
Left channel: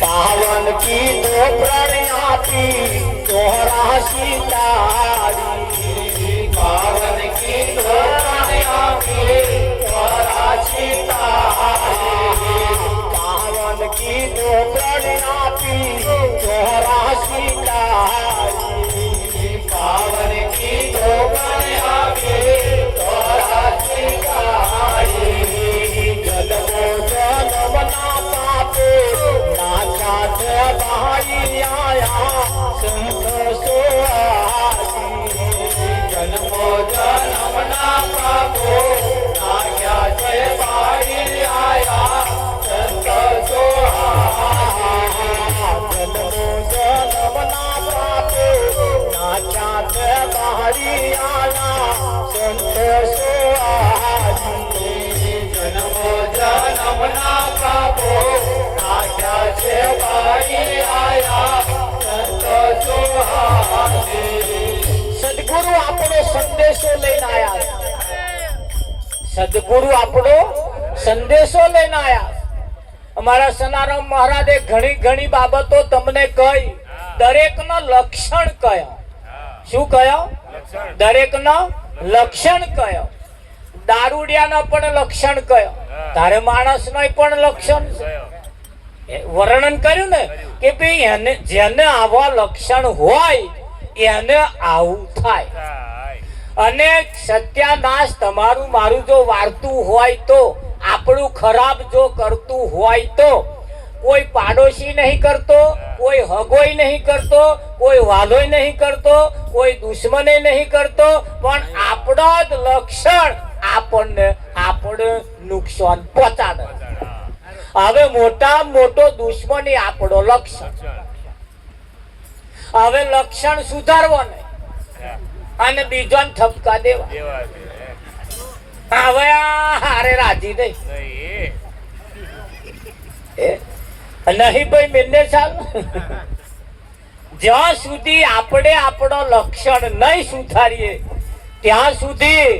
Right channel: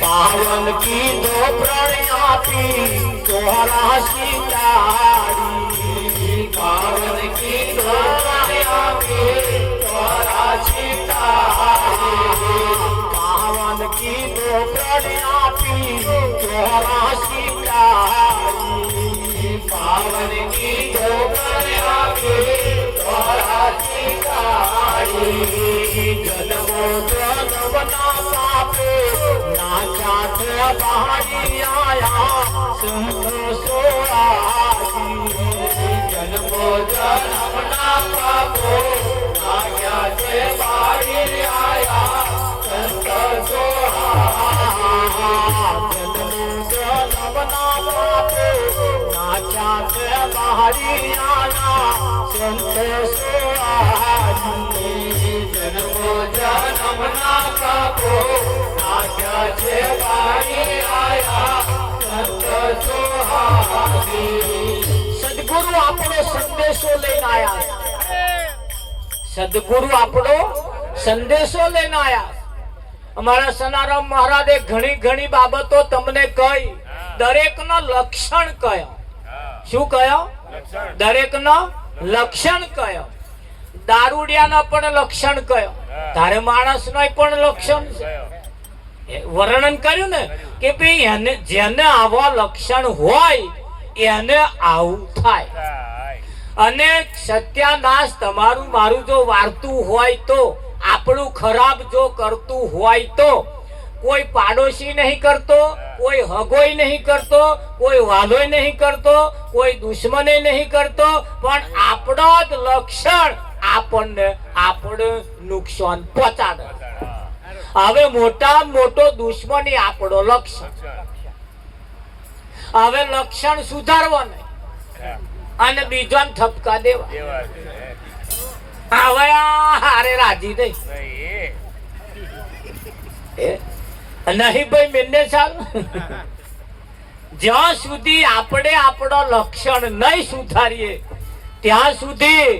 पावन की दो प्रणयाती तोहरा सीतारी. पावन की दो प्रणयाती तोहरा सीतारी. पावन की दो प्रणयाती तोहरा सीतारी. पावन की दो प्रणयाती तोहरा सीतारी. जन्मो जन्म ना पापो नाचात बाहरी आया संतो सुहागी. जन्मो जन्म ना पापो नाचात बाहरी आया संतो सुहागी. जन्मो जन्म ना पापो नाचात बाहरी आया संतो सुहागी. जन्मो जन्म ना पापो સદગુરુ આપણો સંદેશો લઈને આયા. સદગુરુ આપણો સંદેશો લઈને આયા. અમારા સનારામ મહારાજે ઘણી બાબતો તમને કહી. દરેકનો લક્ષણ કયો. શું કયો? દરેકનો લક્ષણ કયો. દારૂડિયાનો પણ લક્ષણ કયો. તારે માણસનો પણ લક્ષણ છે. વર્ણન કર્યું ને કે ભાઈ એને જેને આવા લક્ષણ હોય એને આવું થાય. અને સત્યાનાશ તમારું મારું જો વાર્તું હોય તો, આપણું ખરાબ જો કરતું હોય તો, કોઈ પાડોશી નહીં કરતો, કોઈ હગોય નહીં કરતો, કોઈ વાલોય નહીં કરતો, કોઈ દુશ્મને નહીં કરતો, પણ આપણો જ લક્ષણ આપણે નુકસાન પહોંચાડે. હવે મોટા મોટો દુશ્મની આપણો લક્ષણ. હવે લક્ષણ સુધારવા નહીં અને બીજાને ઠપકા દેવા. હવે હારે રાજી નહીં ભાઈ મેને ચાલ. જ્યાં સુધી આપણે આપણો લક્ષણ નહીં સુધારીએ ત્યાં સુધી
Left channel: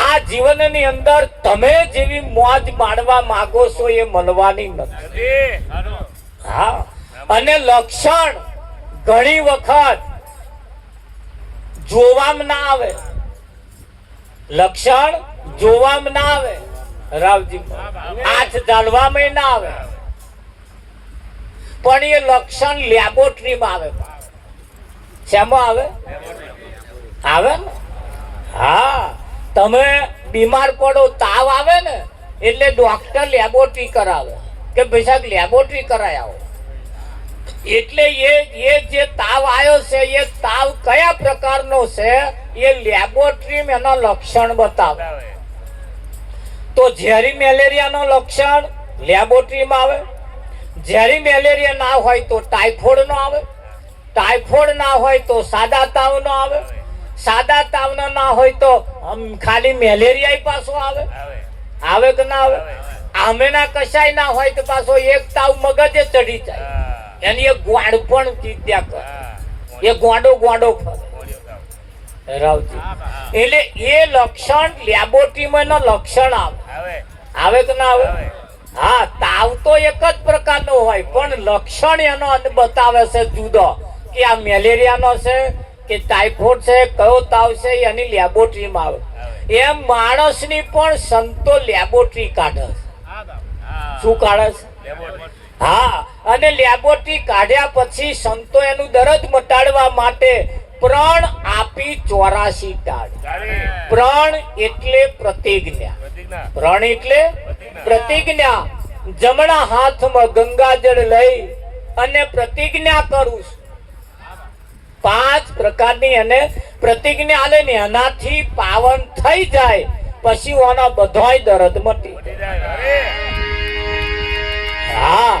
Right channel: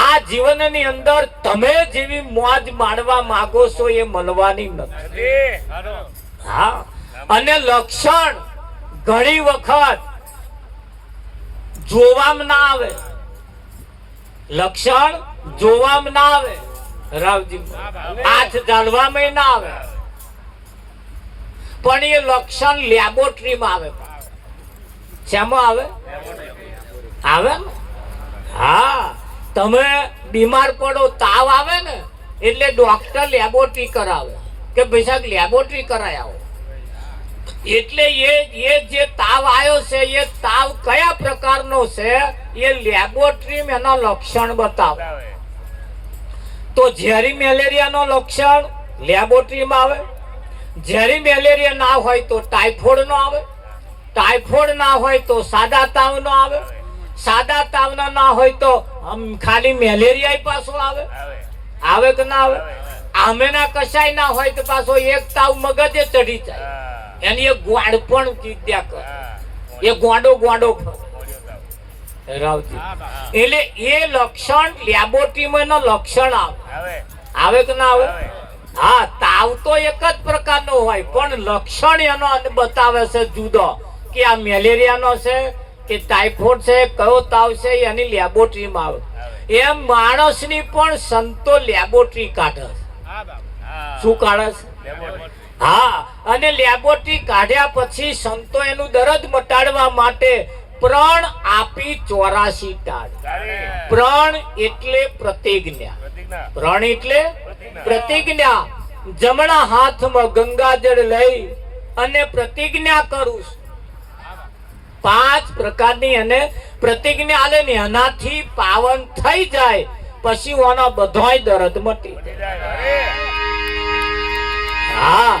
આ જીવનની અંદર તમે જેવી મોજ માણવા માંગો છો એ મળવાની નથી. હા, અને લક્ષણ ઘણી વખત જોવામાં ના આવે. લક્ષણ જોવામાં ના આવે રાવજી, હાથ જાણવામાં ના આવે, પણ એ લક્ષણ લેબોરેટરીમાં આવે. શેમાં આવે? આવે ને. હા, તમે બીમાર પડો, તાવ આવે ને એટલે ડોક્ટર લેબોરેટરી કરાવે કે ભાઈ સાહેબ લેબોરેટરી કરાય આવો. એટલે એ જે તાવ આવ્યો છે એ તાવ કયા પ્રકારનો છે એ લેબોરેટરીમાં એના લક્ષણ બતાવે. તો ઝેરી મેલેરિયાનો લક્ષણ લેબોરેટરીમાં આવે. ઝેરી મેલેરિયા ના હોય તો ટાઇફોઇડ નો આવે. ટાઇફોઇડ ના હોય તો સાદા તાવ નો આવે. સાદા તાવ ના હોય તો ખાલી મેલેરિયા પાછો આવે. આવે કે ના આવે? આમેના કશાય ના હોય તો પાછો એક તાવ મગજે ચડી જાય, એની એક ગોળ પણ ચીત્યા કરે, એ ગોંડો રાવજી. એટલે એ લક્ષણ લેબોરેટરીમાં નો લક્ષણ આવે. આવે કે ના આવે? હા, તાવ તો એક જ પ્રકારનો હોય પણ લક્ષણ એનો બતાવે છે જુદો, કે આ મેલેરિયાનો છે કે ટાઇફોઇડ છે, કયો તાવ છે એની લેબોરેટરીમાં આવે. એમ માણસની પણ સંતો લેબોરેટરી કાઢે છે. શું કાઢે છે? હા, અને લેબોરેટરી કાઢ્યા પછી સંતો એનું દર્દ મટાડવા માટે પ્રણ આપી 84 ટાળ. પ્રણ એટલે પ્રતિજ્ઞા. પ્રણ એટલે પ્રતિજ્ઞા. જમણા હાથમાં ગંગાજળ લઈ અને પ્રતિજ્ઞા કરું. 5 પ્રકારની અને પ્રતિજ્ઞા લે ને એનાથી પાવન થઈ જાય પછી ઓના બધાય દર્દ મટી જાય. હા,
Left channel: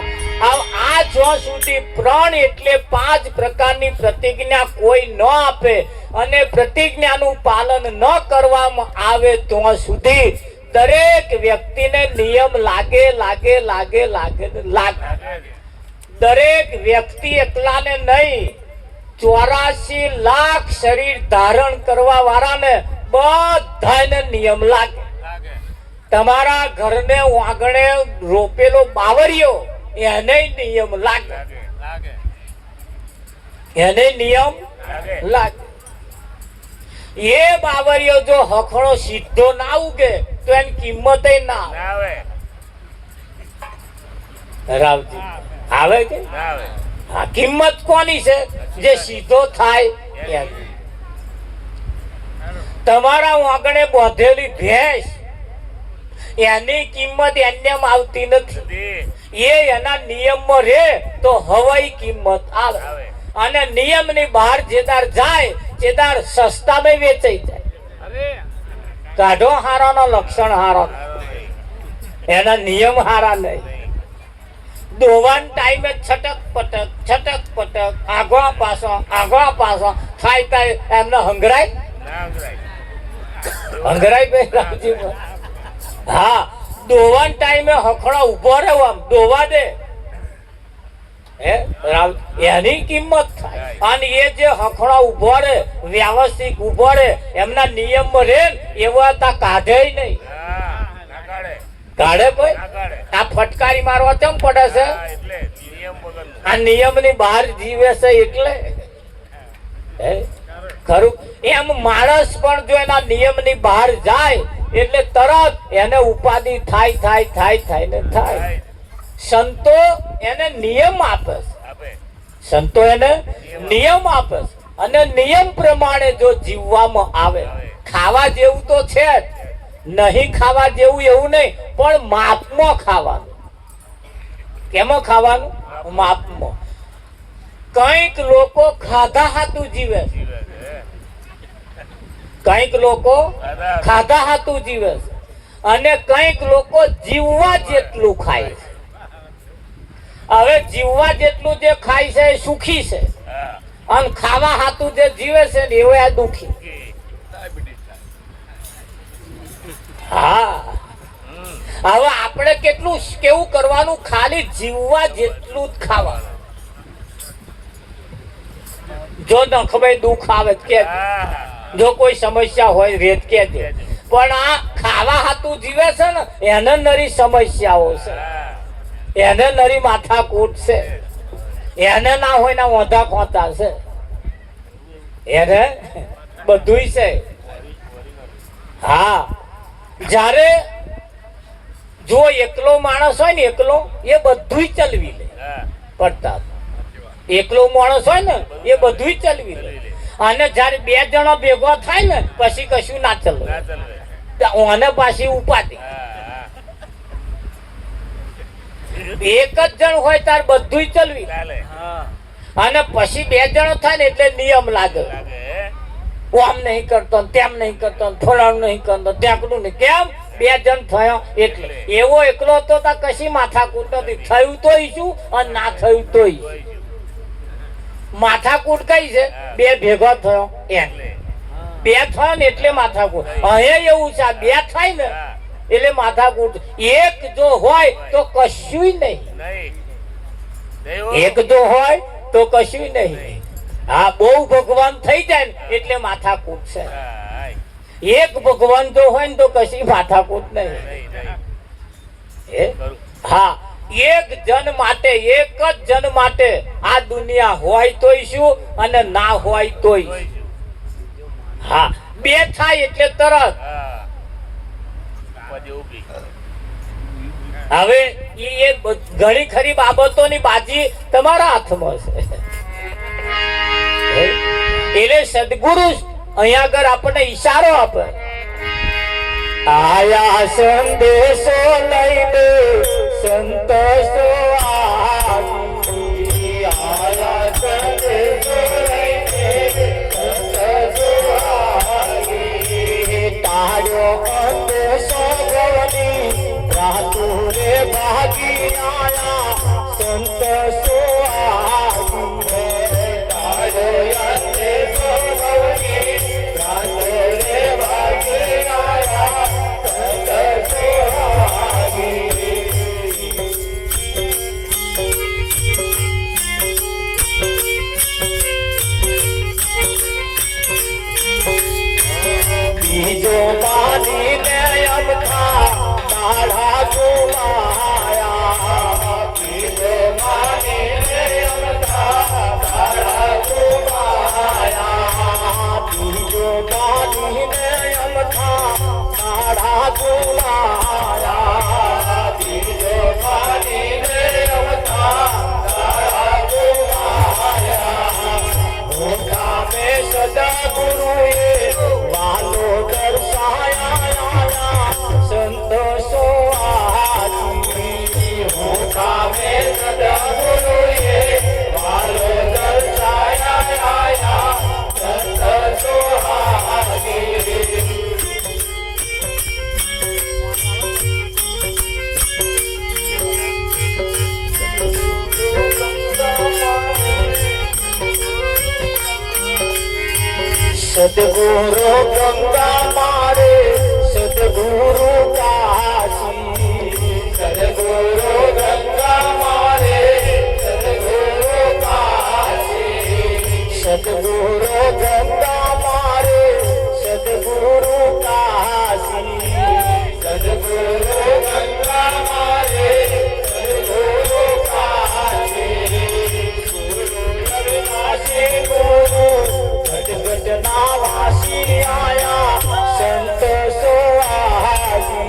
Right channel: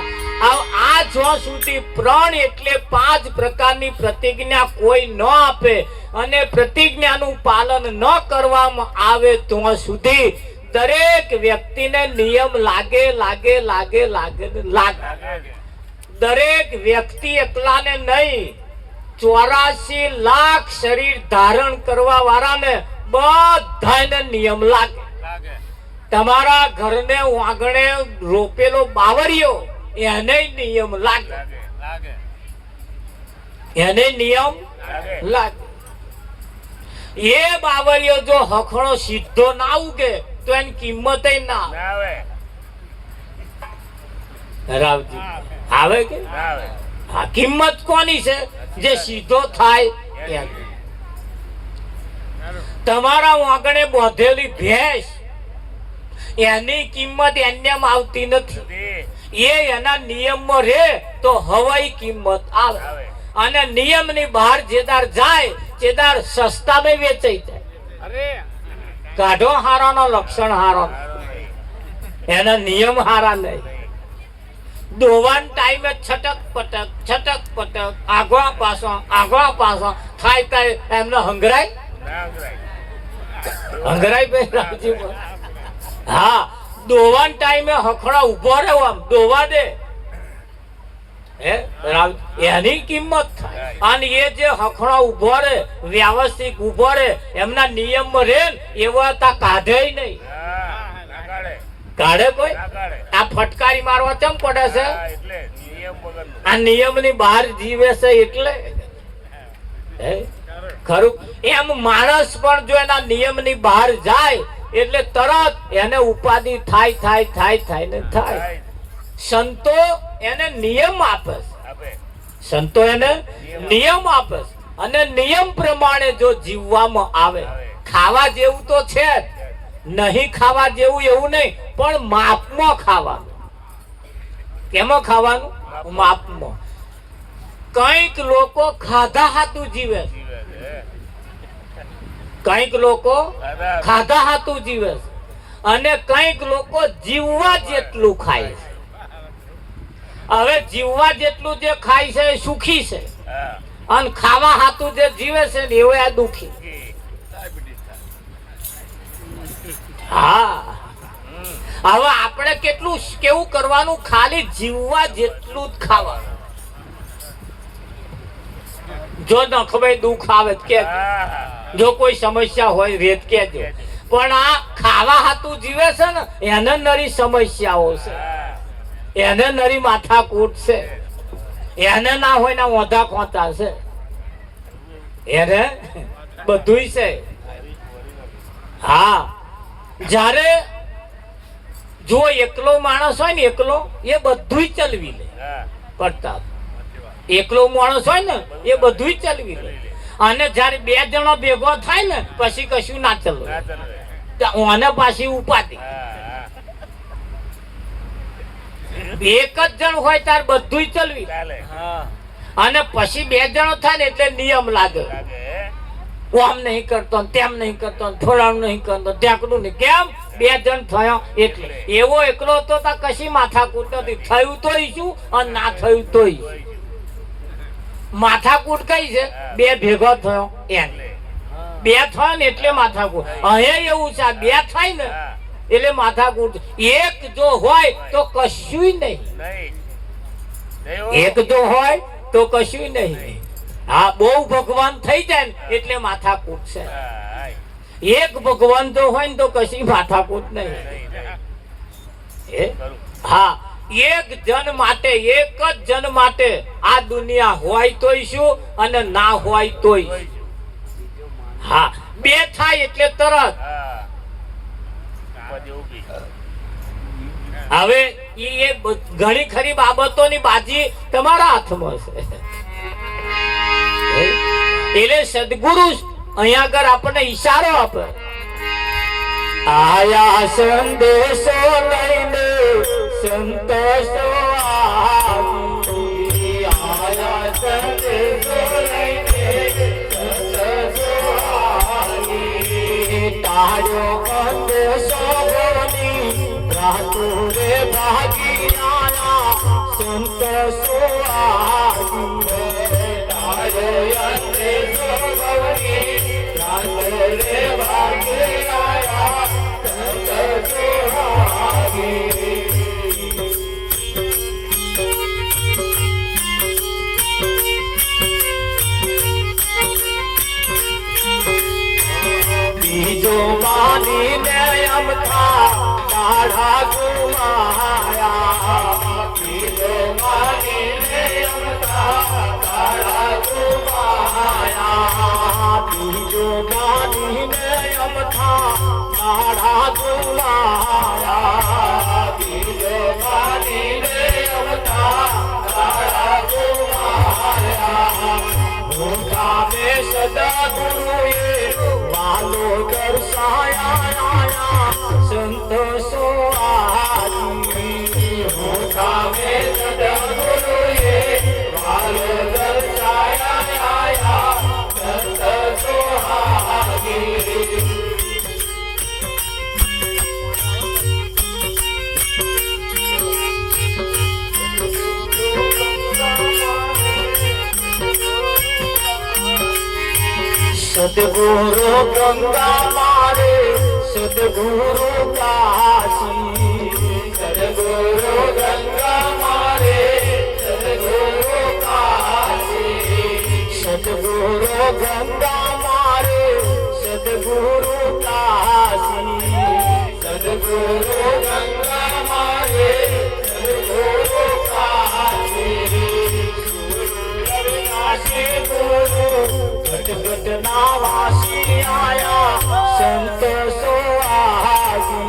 આ જો સુધી પ્રણ એટલે 5 પ્રકારની પ્રતિજ્ઞા કોઈ ન આપે અને પ્રતિજ્ઞાનું પાલન ન કરવામાં આવે તો સુધી દરેક વ્યક્તિને નિયમ લાગે. દરેક વ્યક્તિ એકલાને નહીં, 84 લાખ શરીર ધારણ કરવા વાળાને બધાને નિયમ લાગે. તમારા ઘરને આંગણે રોપેલો બાવરિયો એને નિયમ લાગે. એને નિયમ લાગે. એ બાવરિયો જો હખણો સીધો ના ઉગે તો એની કિંમત ના આવે. રાવજી, આવે કે હા? કિંમત કોની છે? જે સીધો થાય. તમારા આંગણે બોધેલી ભેંસ એની કિંમત એને આવતી નથી. એ એના નિયમમાં રહે તો હવાઈ કિંમત આવે. અને નિયમની બહાર જેદાર જાય જેદાર સસ્તામાં વેચાઈ જાય. કાઢો હારાનો લક્ષણ હારો, એના નિયમ હારા નહીં. દોવાન ટાઈમે છટક પટક આગળ પાછો થાય કઈ એમને હંગરાય રાવજી. હા, દોવાન ટાઈમે હખણા ઉભો રહ્યો આમ દોવા દે એની કિંમત થાય. અને એ જે હખણા ઉભો રે વ્યવસ્થિત ઉભો રે એમના નિયમમાં રે એવા તા કાઢે નહીં. કાઢે કોઈ? આ ફટકારી મારવા કેમ પડે છે? આ નિયમની બહાર જીવે છે એટલે. ખરું? એમ માણસ પણ જો એના નિયમની બહાર જાય એટલે તરત એને ઉપાધિ થાય ને થાય. સંતો એને નિયમ આપે. સંતો એને નિયમ આપે અને નિયમ પ્રમાણે જો જીવવામાં આવે. ખાવા જેવું તો છે જ, નહીં ખાવા જેવું એવું નહીં, પણ માપમાં ખાવાનું. કેમાં ખાવાનું? માપમાં. કઈક લોકો ખાધા હાતું જીવે છે, કઈક લોકો ખાધા હાતું જીવે છે, અને કઈક લોકો જીવવા જેટલું ખાય છે. હવે જીવવા જેટલું જે ખાય છે એ સુખી છે, અને ખાવા હાતું જે જીવે છે ને એવો આ દુખી. હા, હવે આપણે કેવું કરવાનું? ખાલી જીવવા જેટલું જ ખાવાનું. જો નખભાઈ દુઃખ આવે કે જો કોઈ સમસ્યા હોય રેત કેજો. પણ આ ખાવા હાતું જીવે છે ને એને નરી સમસ્યાઓ છે, એને નરી માથાકૂટ છે, એને ના હોય ના ઓંધા ખોતા છે, એને બધુંય છે. હા, જ્યારે જો એકલો માણસ હોય ને એકલો એ બધુંય ચલવી લે પડતા, એકલો માણસ હોય ને એ બધુંય ચલવી લે. અને જ્યારે બે જણો ભેગો થાય ને પછી કશું ના ચલવે, ઓને પાછી ઉપાધિ. એક જ જણ હોય તાર બધુંય ચલવી, અને પછી બે જણો થાય ને એટલે નિયમ લાગે, આમ નહીં કરતો તેમ નહીં કરતો, ફલાણું નહીં કરતો ઢેકડું નહીં. કેમ? બે જણ થયો એટલે. એવો એકલો હતો તો કશી માથાકૂટ નથી. થયું તોય શું અને ના થયું તોય. માથાકૂટ કઈ છે? બે ભેગો થયો એમ, બે થયો ને એટલે માથાકૂટ. અહીંયા એવું છે, બે થાય ને એટલે માથાકૂટ. એક જો હોય તો કશું નહીં, એક જો હોય તો કશું નહીં. હા, બહુ ભગવાન થઈ જાય ને એટલે માથાકૂટ છે. એક ભગવાન જો હોય ને તો કશી માથાકૂટ નહીં. હા, એક જન માટે, એક જ જન માટે આ દુનિયા હોય તોય શું અને ના હોય તોય. હા, બે થાય એટલે તરત. હવે એ ઘણી ખરી બાબતોની બાજી તમારા હાથમાં છે. એટલે સદગુરુ અહીંયા આગળ આપણને ઈશારો આપે, આયા સંદેશો લઈને સંતોષો આવી, આયા સંદેશો લઈને સંતોષો આવી, તારો અંદેશો બની રાતુરે ભાગી આયા સંતોષો આવી, તારો અંદેશો બની રાતુરે ભાગી આયા સંતોષો આવી. બીજો માનીને અમથા દાડા ગુમાયા, બીજો માનીને અમથા દાડા ગુમાયા, બીજો માનીને અમથા દાડા ગુમાયા, બીજો માનીને અમથા દાડા ગુમાયા. મોટા મે સદા ગુરુએ વાલો દર્શાયા, સંતોષો આવી, મોટા મે સદા ગુરુએ વાલો દર્શાયા, સંતોષો આવી. સદગુરુ ગંગા મારે, સદગુરુ કાશી, સદગુરુ ગંગા મારે, સદગુરુ કાશી, સદગુરુ ગંગા મારે, સદગુરુ કાશી, સદગુરુ ગંગા મારે, સદગુરુ કાશી, ગુરુ રવિનાશી ગુરુ જગત ના વાસી આયા સંતોષો આવી.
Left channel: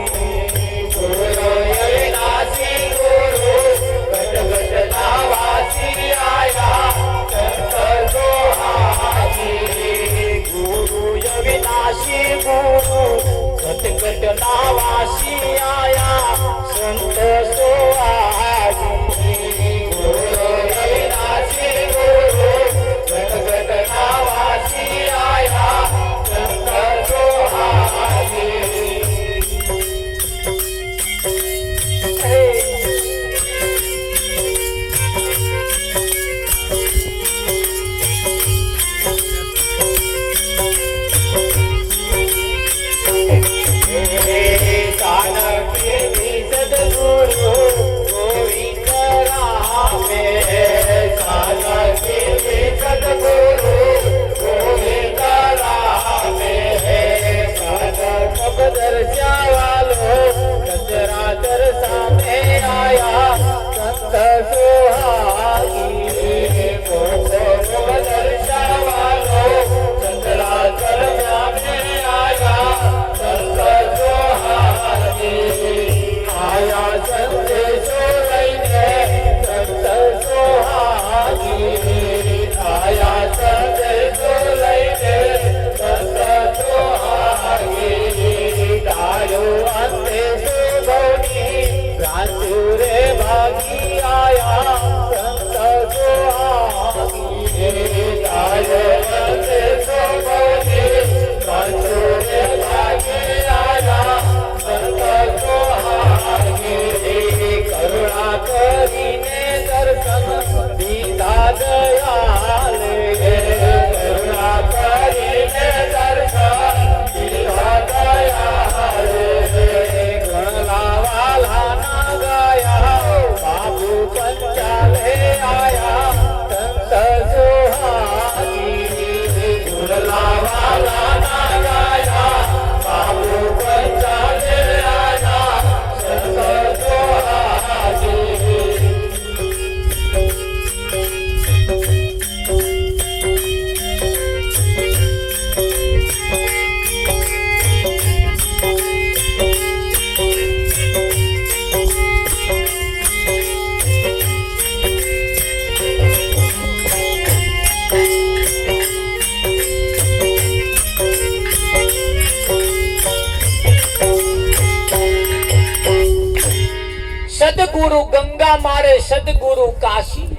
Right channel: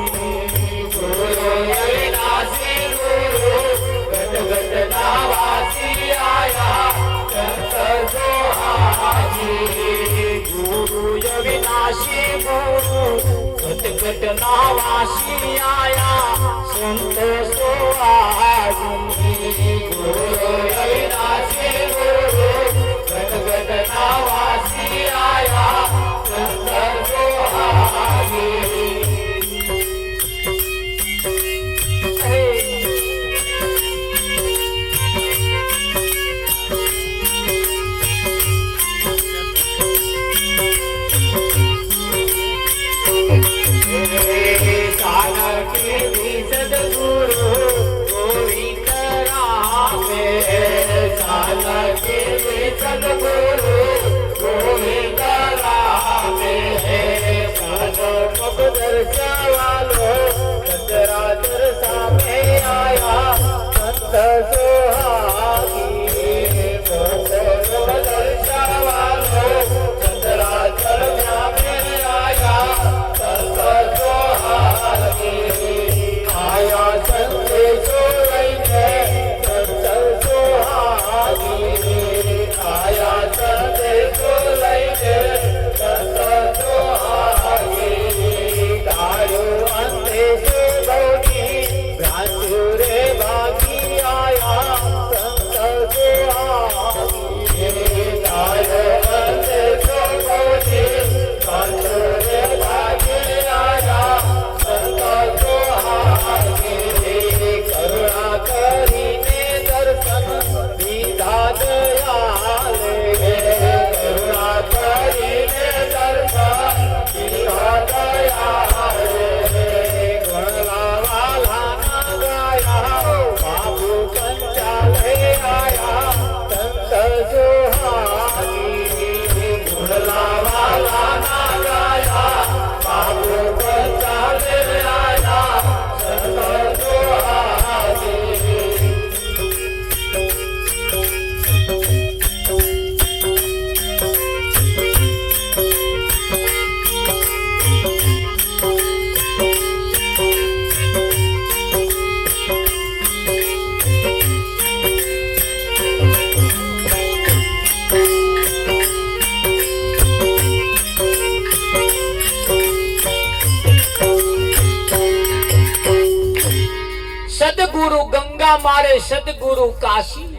સદગુરુ કાશી,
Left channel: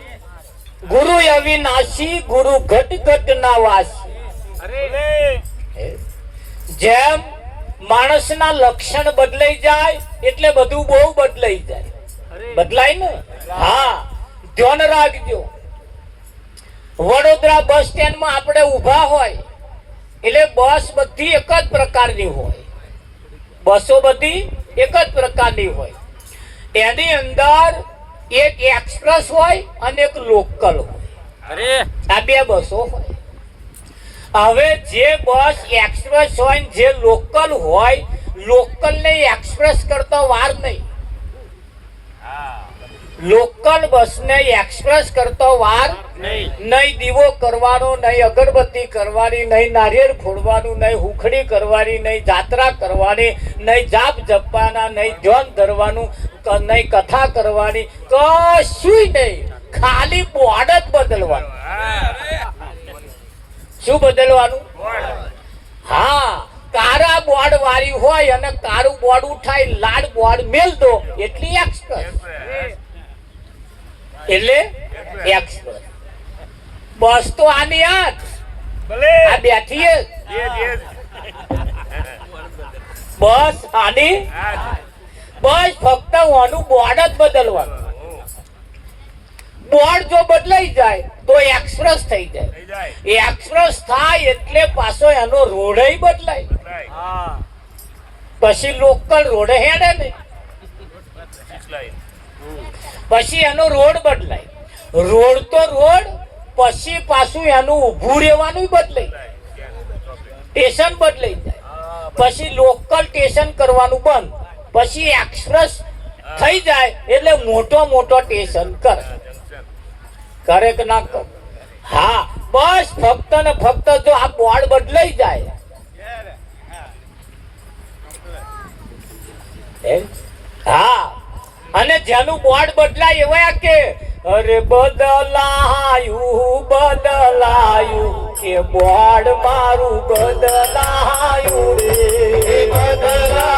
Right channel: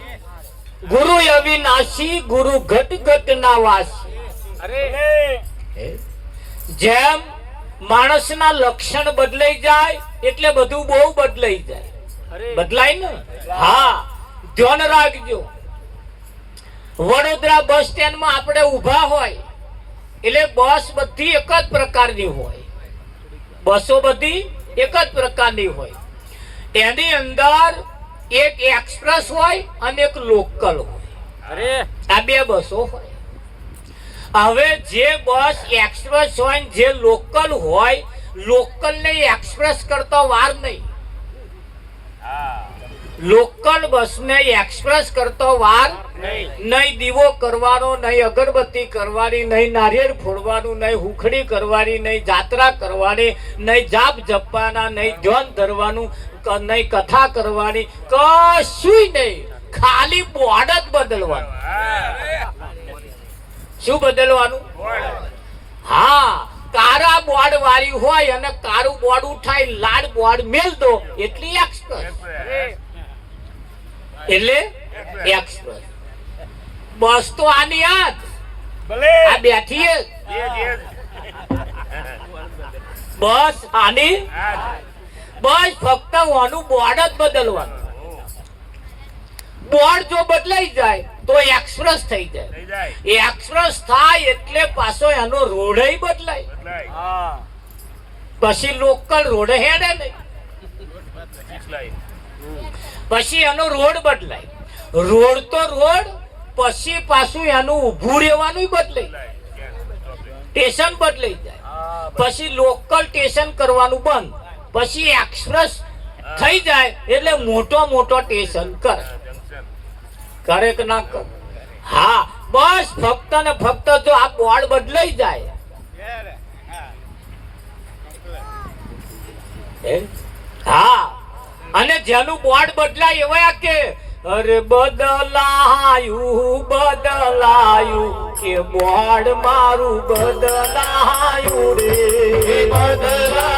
ગુરુ અવિનાશી, ગુરુ ઘટ ઘટ ના વાસી. જેમ માણસના લક્ષણ બદલાઈ જાય એટલે બધું બહુ બદલાઈ જાય. બદલાય ને? હા, ધ્યાન રાખજો. વડોદરા બસ સ્ટેન્ડમાં આપણે ઊભા હોય એટલે બસ બધી એક જ પ્રકારની હોય. બસો બધી એક જ પ્રકારની હોય. એની અંદર એક એક્સપ્રેસ હોય અને એક લોકલ હોય. આ બે બસો હોય. હવે જે બસ એક્સપ્રેસ હોય ને જે લોકલ હોય, લોકલ ને એક્સપ્રેસ કરતો વાર નહીં. લોકલ બસ ને એક્સપ્રેસ કરતો વાર નહીં. દીવો કરવાનો નહીં, અગરબત્તી કરવાની નહીં, નારિયેળ ફોડવાનું નહીં, હુખડી કરવાની નહીં, જાત્રા કરવાની નહીં, જાપ જપવાના નહીં, ધ્યાન ધરવાનું નહીં, કથા કરવાની કશું નહીં. ખાલી બોર્ડ જ બદલવાનું. શું બદલવાનું? હા, કારા બોર્ડ વાળી હોય અને કારું બોર્ડ ઉઠાઈ લાડ બોર્ડ મેલ દો એટલી એક્સપ્રેસ. એટલે એક્સપ્રેસ બસ તો આની આ બેઠી બસ આની બસ ફક્ત આનું બોર્ડ જ બદલવાનું. બોર્ડ જો બદલાઈ જાય તો એક્સપ્રેસ થઈ જાય. એક્સપ્રેસ થાય એટલે પાછો એનો રોડ બદલાય. પછી લોકલ રોડ હેડે ને, પછી એનો રોડ બદલાય. રોડ તો રોડ, પછી પાછું એનું ઊભું રહેવાનું બદલાય. સ્ટેશન બદલાઈ જાય. પછી લોકલ સ્ટેશન કરવાનું બંધ, પછી એક્સપ્રેસ થઈ જાય એટલે મોટો મોટો સ્ટેશન કરે કે ના કરે? હા, બસ ફક્ત ને ફક્ત જો આ બોર્ડ બદલાઈ જાય. હા, અને જેનું બોર્ડ બદલાય એવા કે અરે બદલાયું બદલાયું કે બોર્ડ મારું બદલાયું રે બદલાયું.